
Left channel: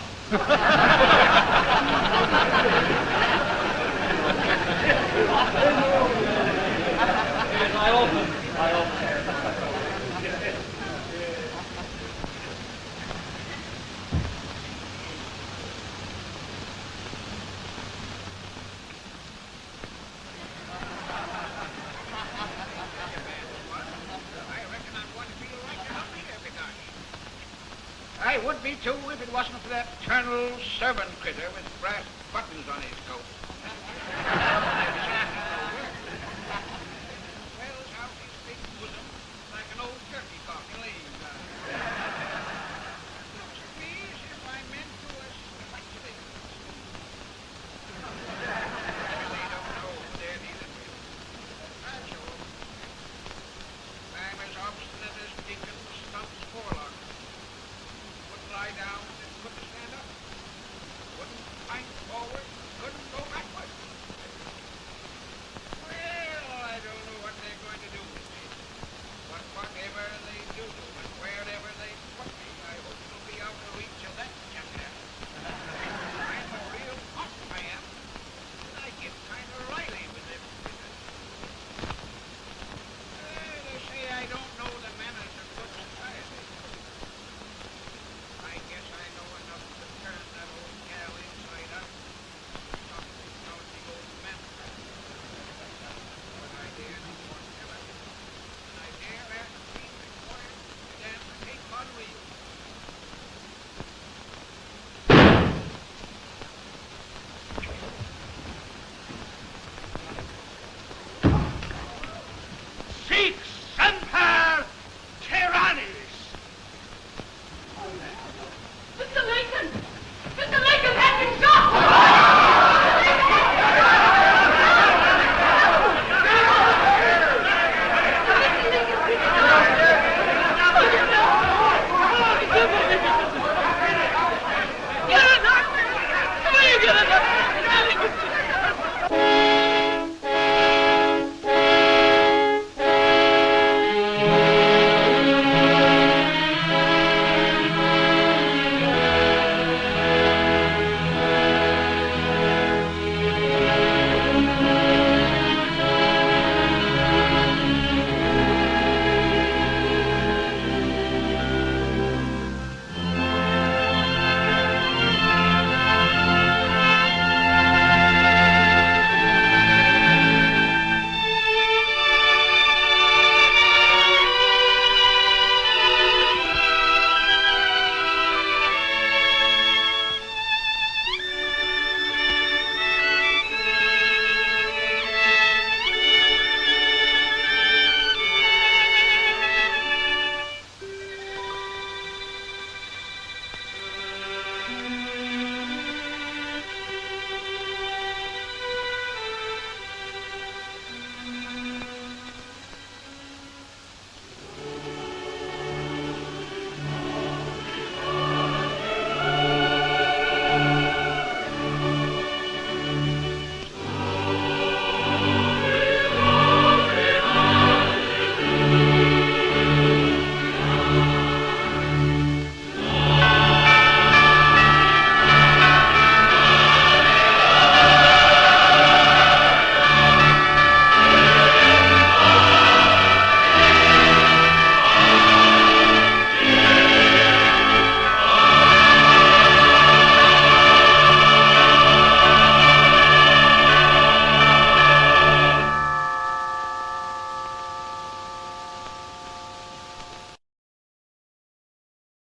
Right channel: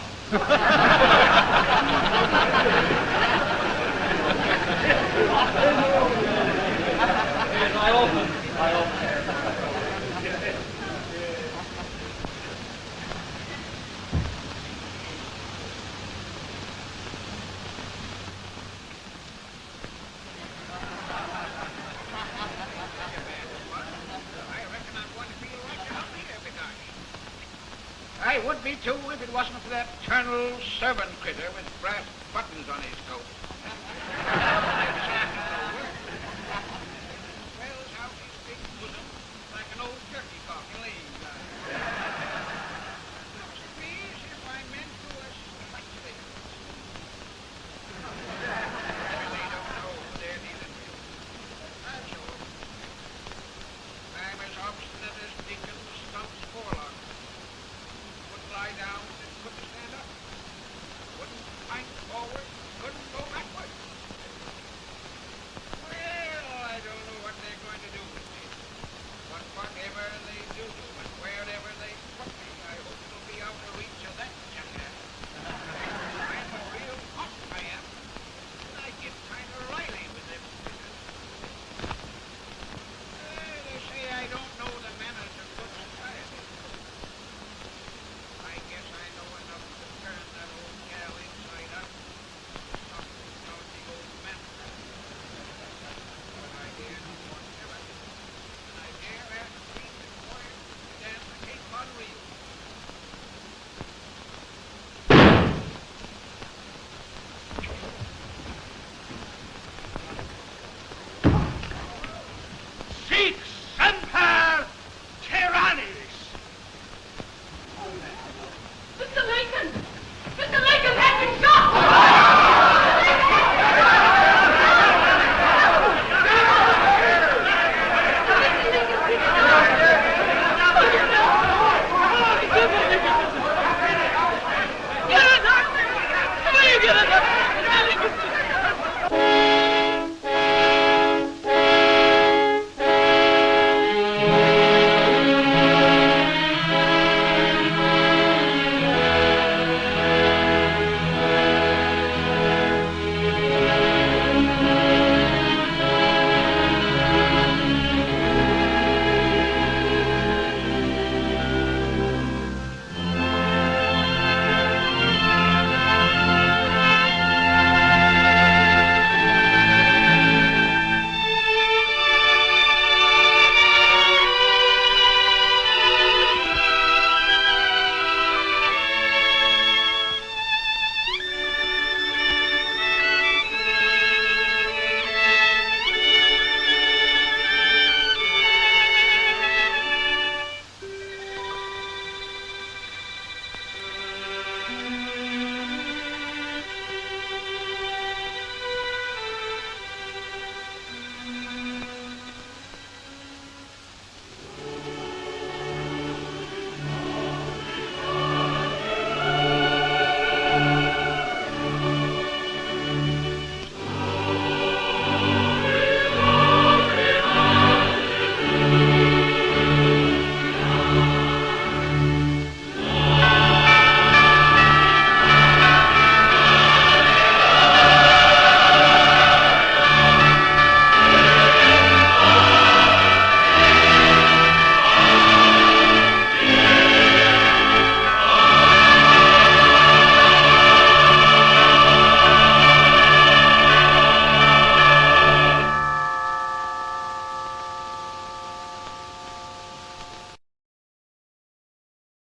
I would be too if it wasn't for that Colonel servant critter with brass buttons on his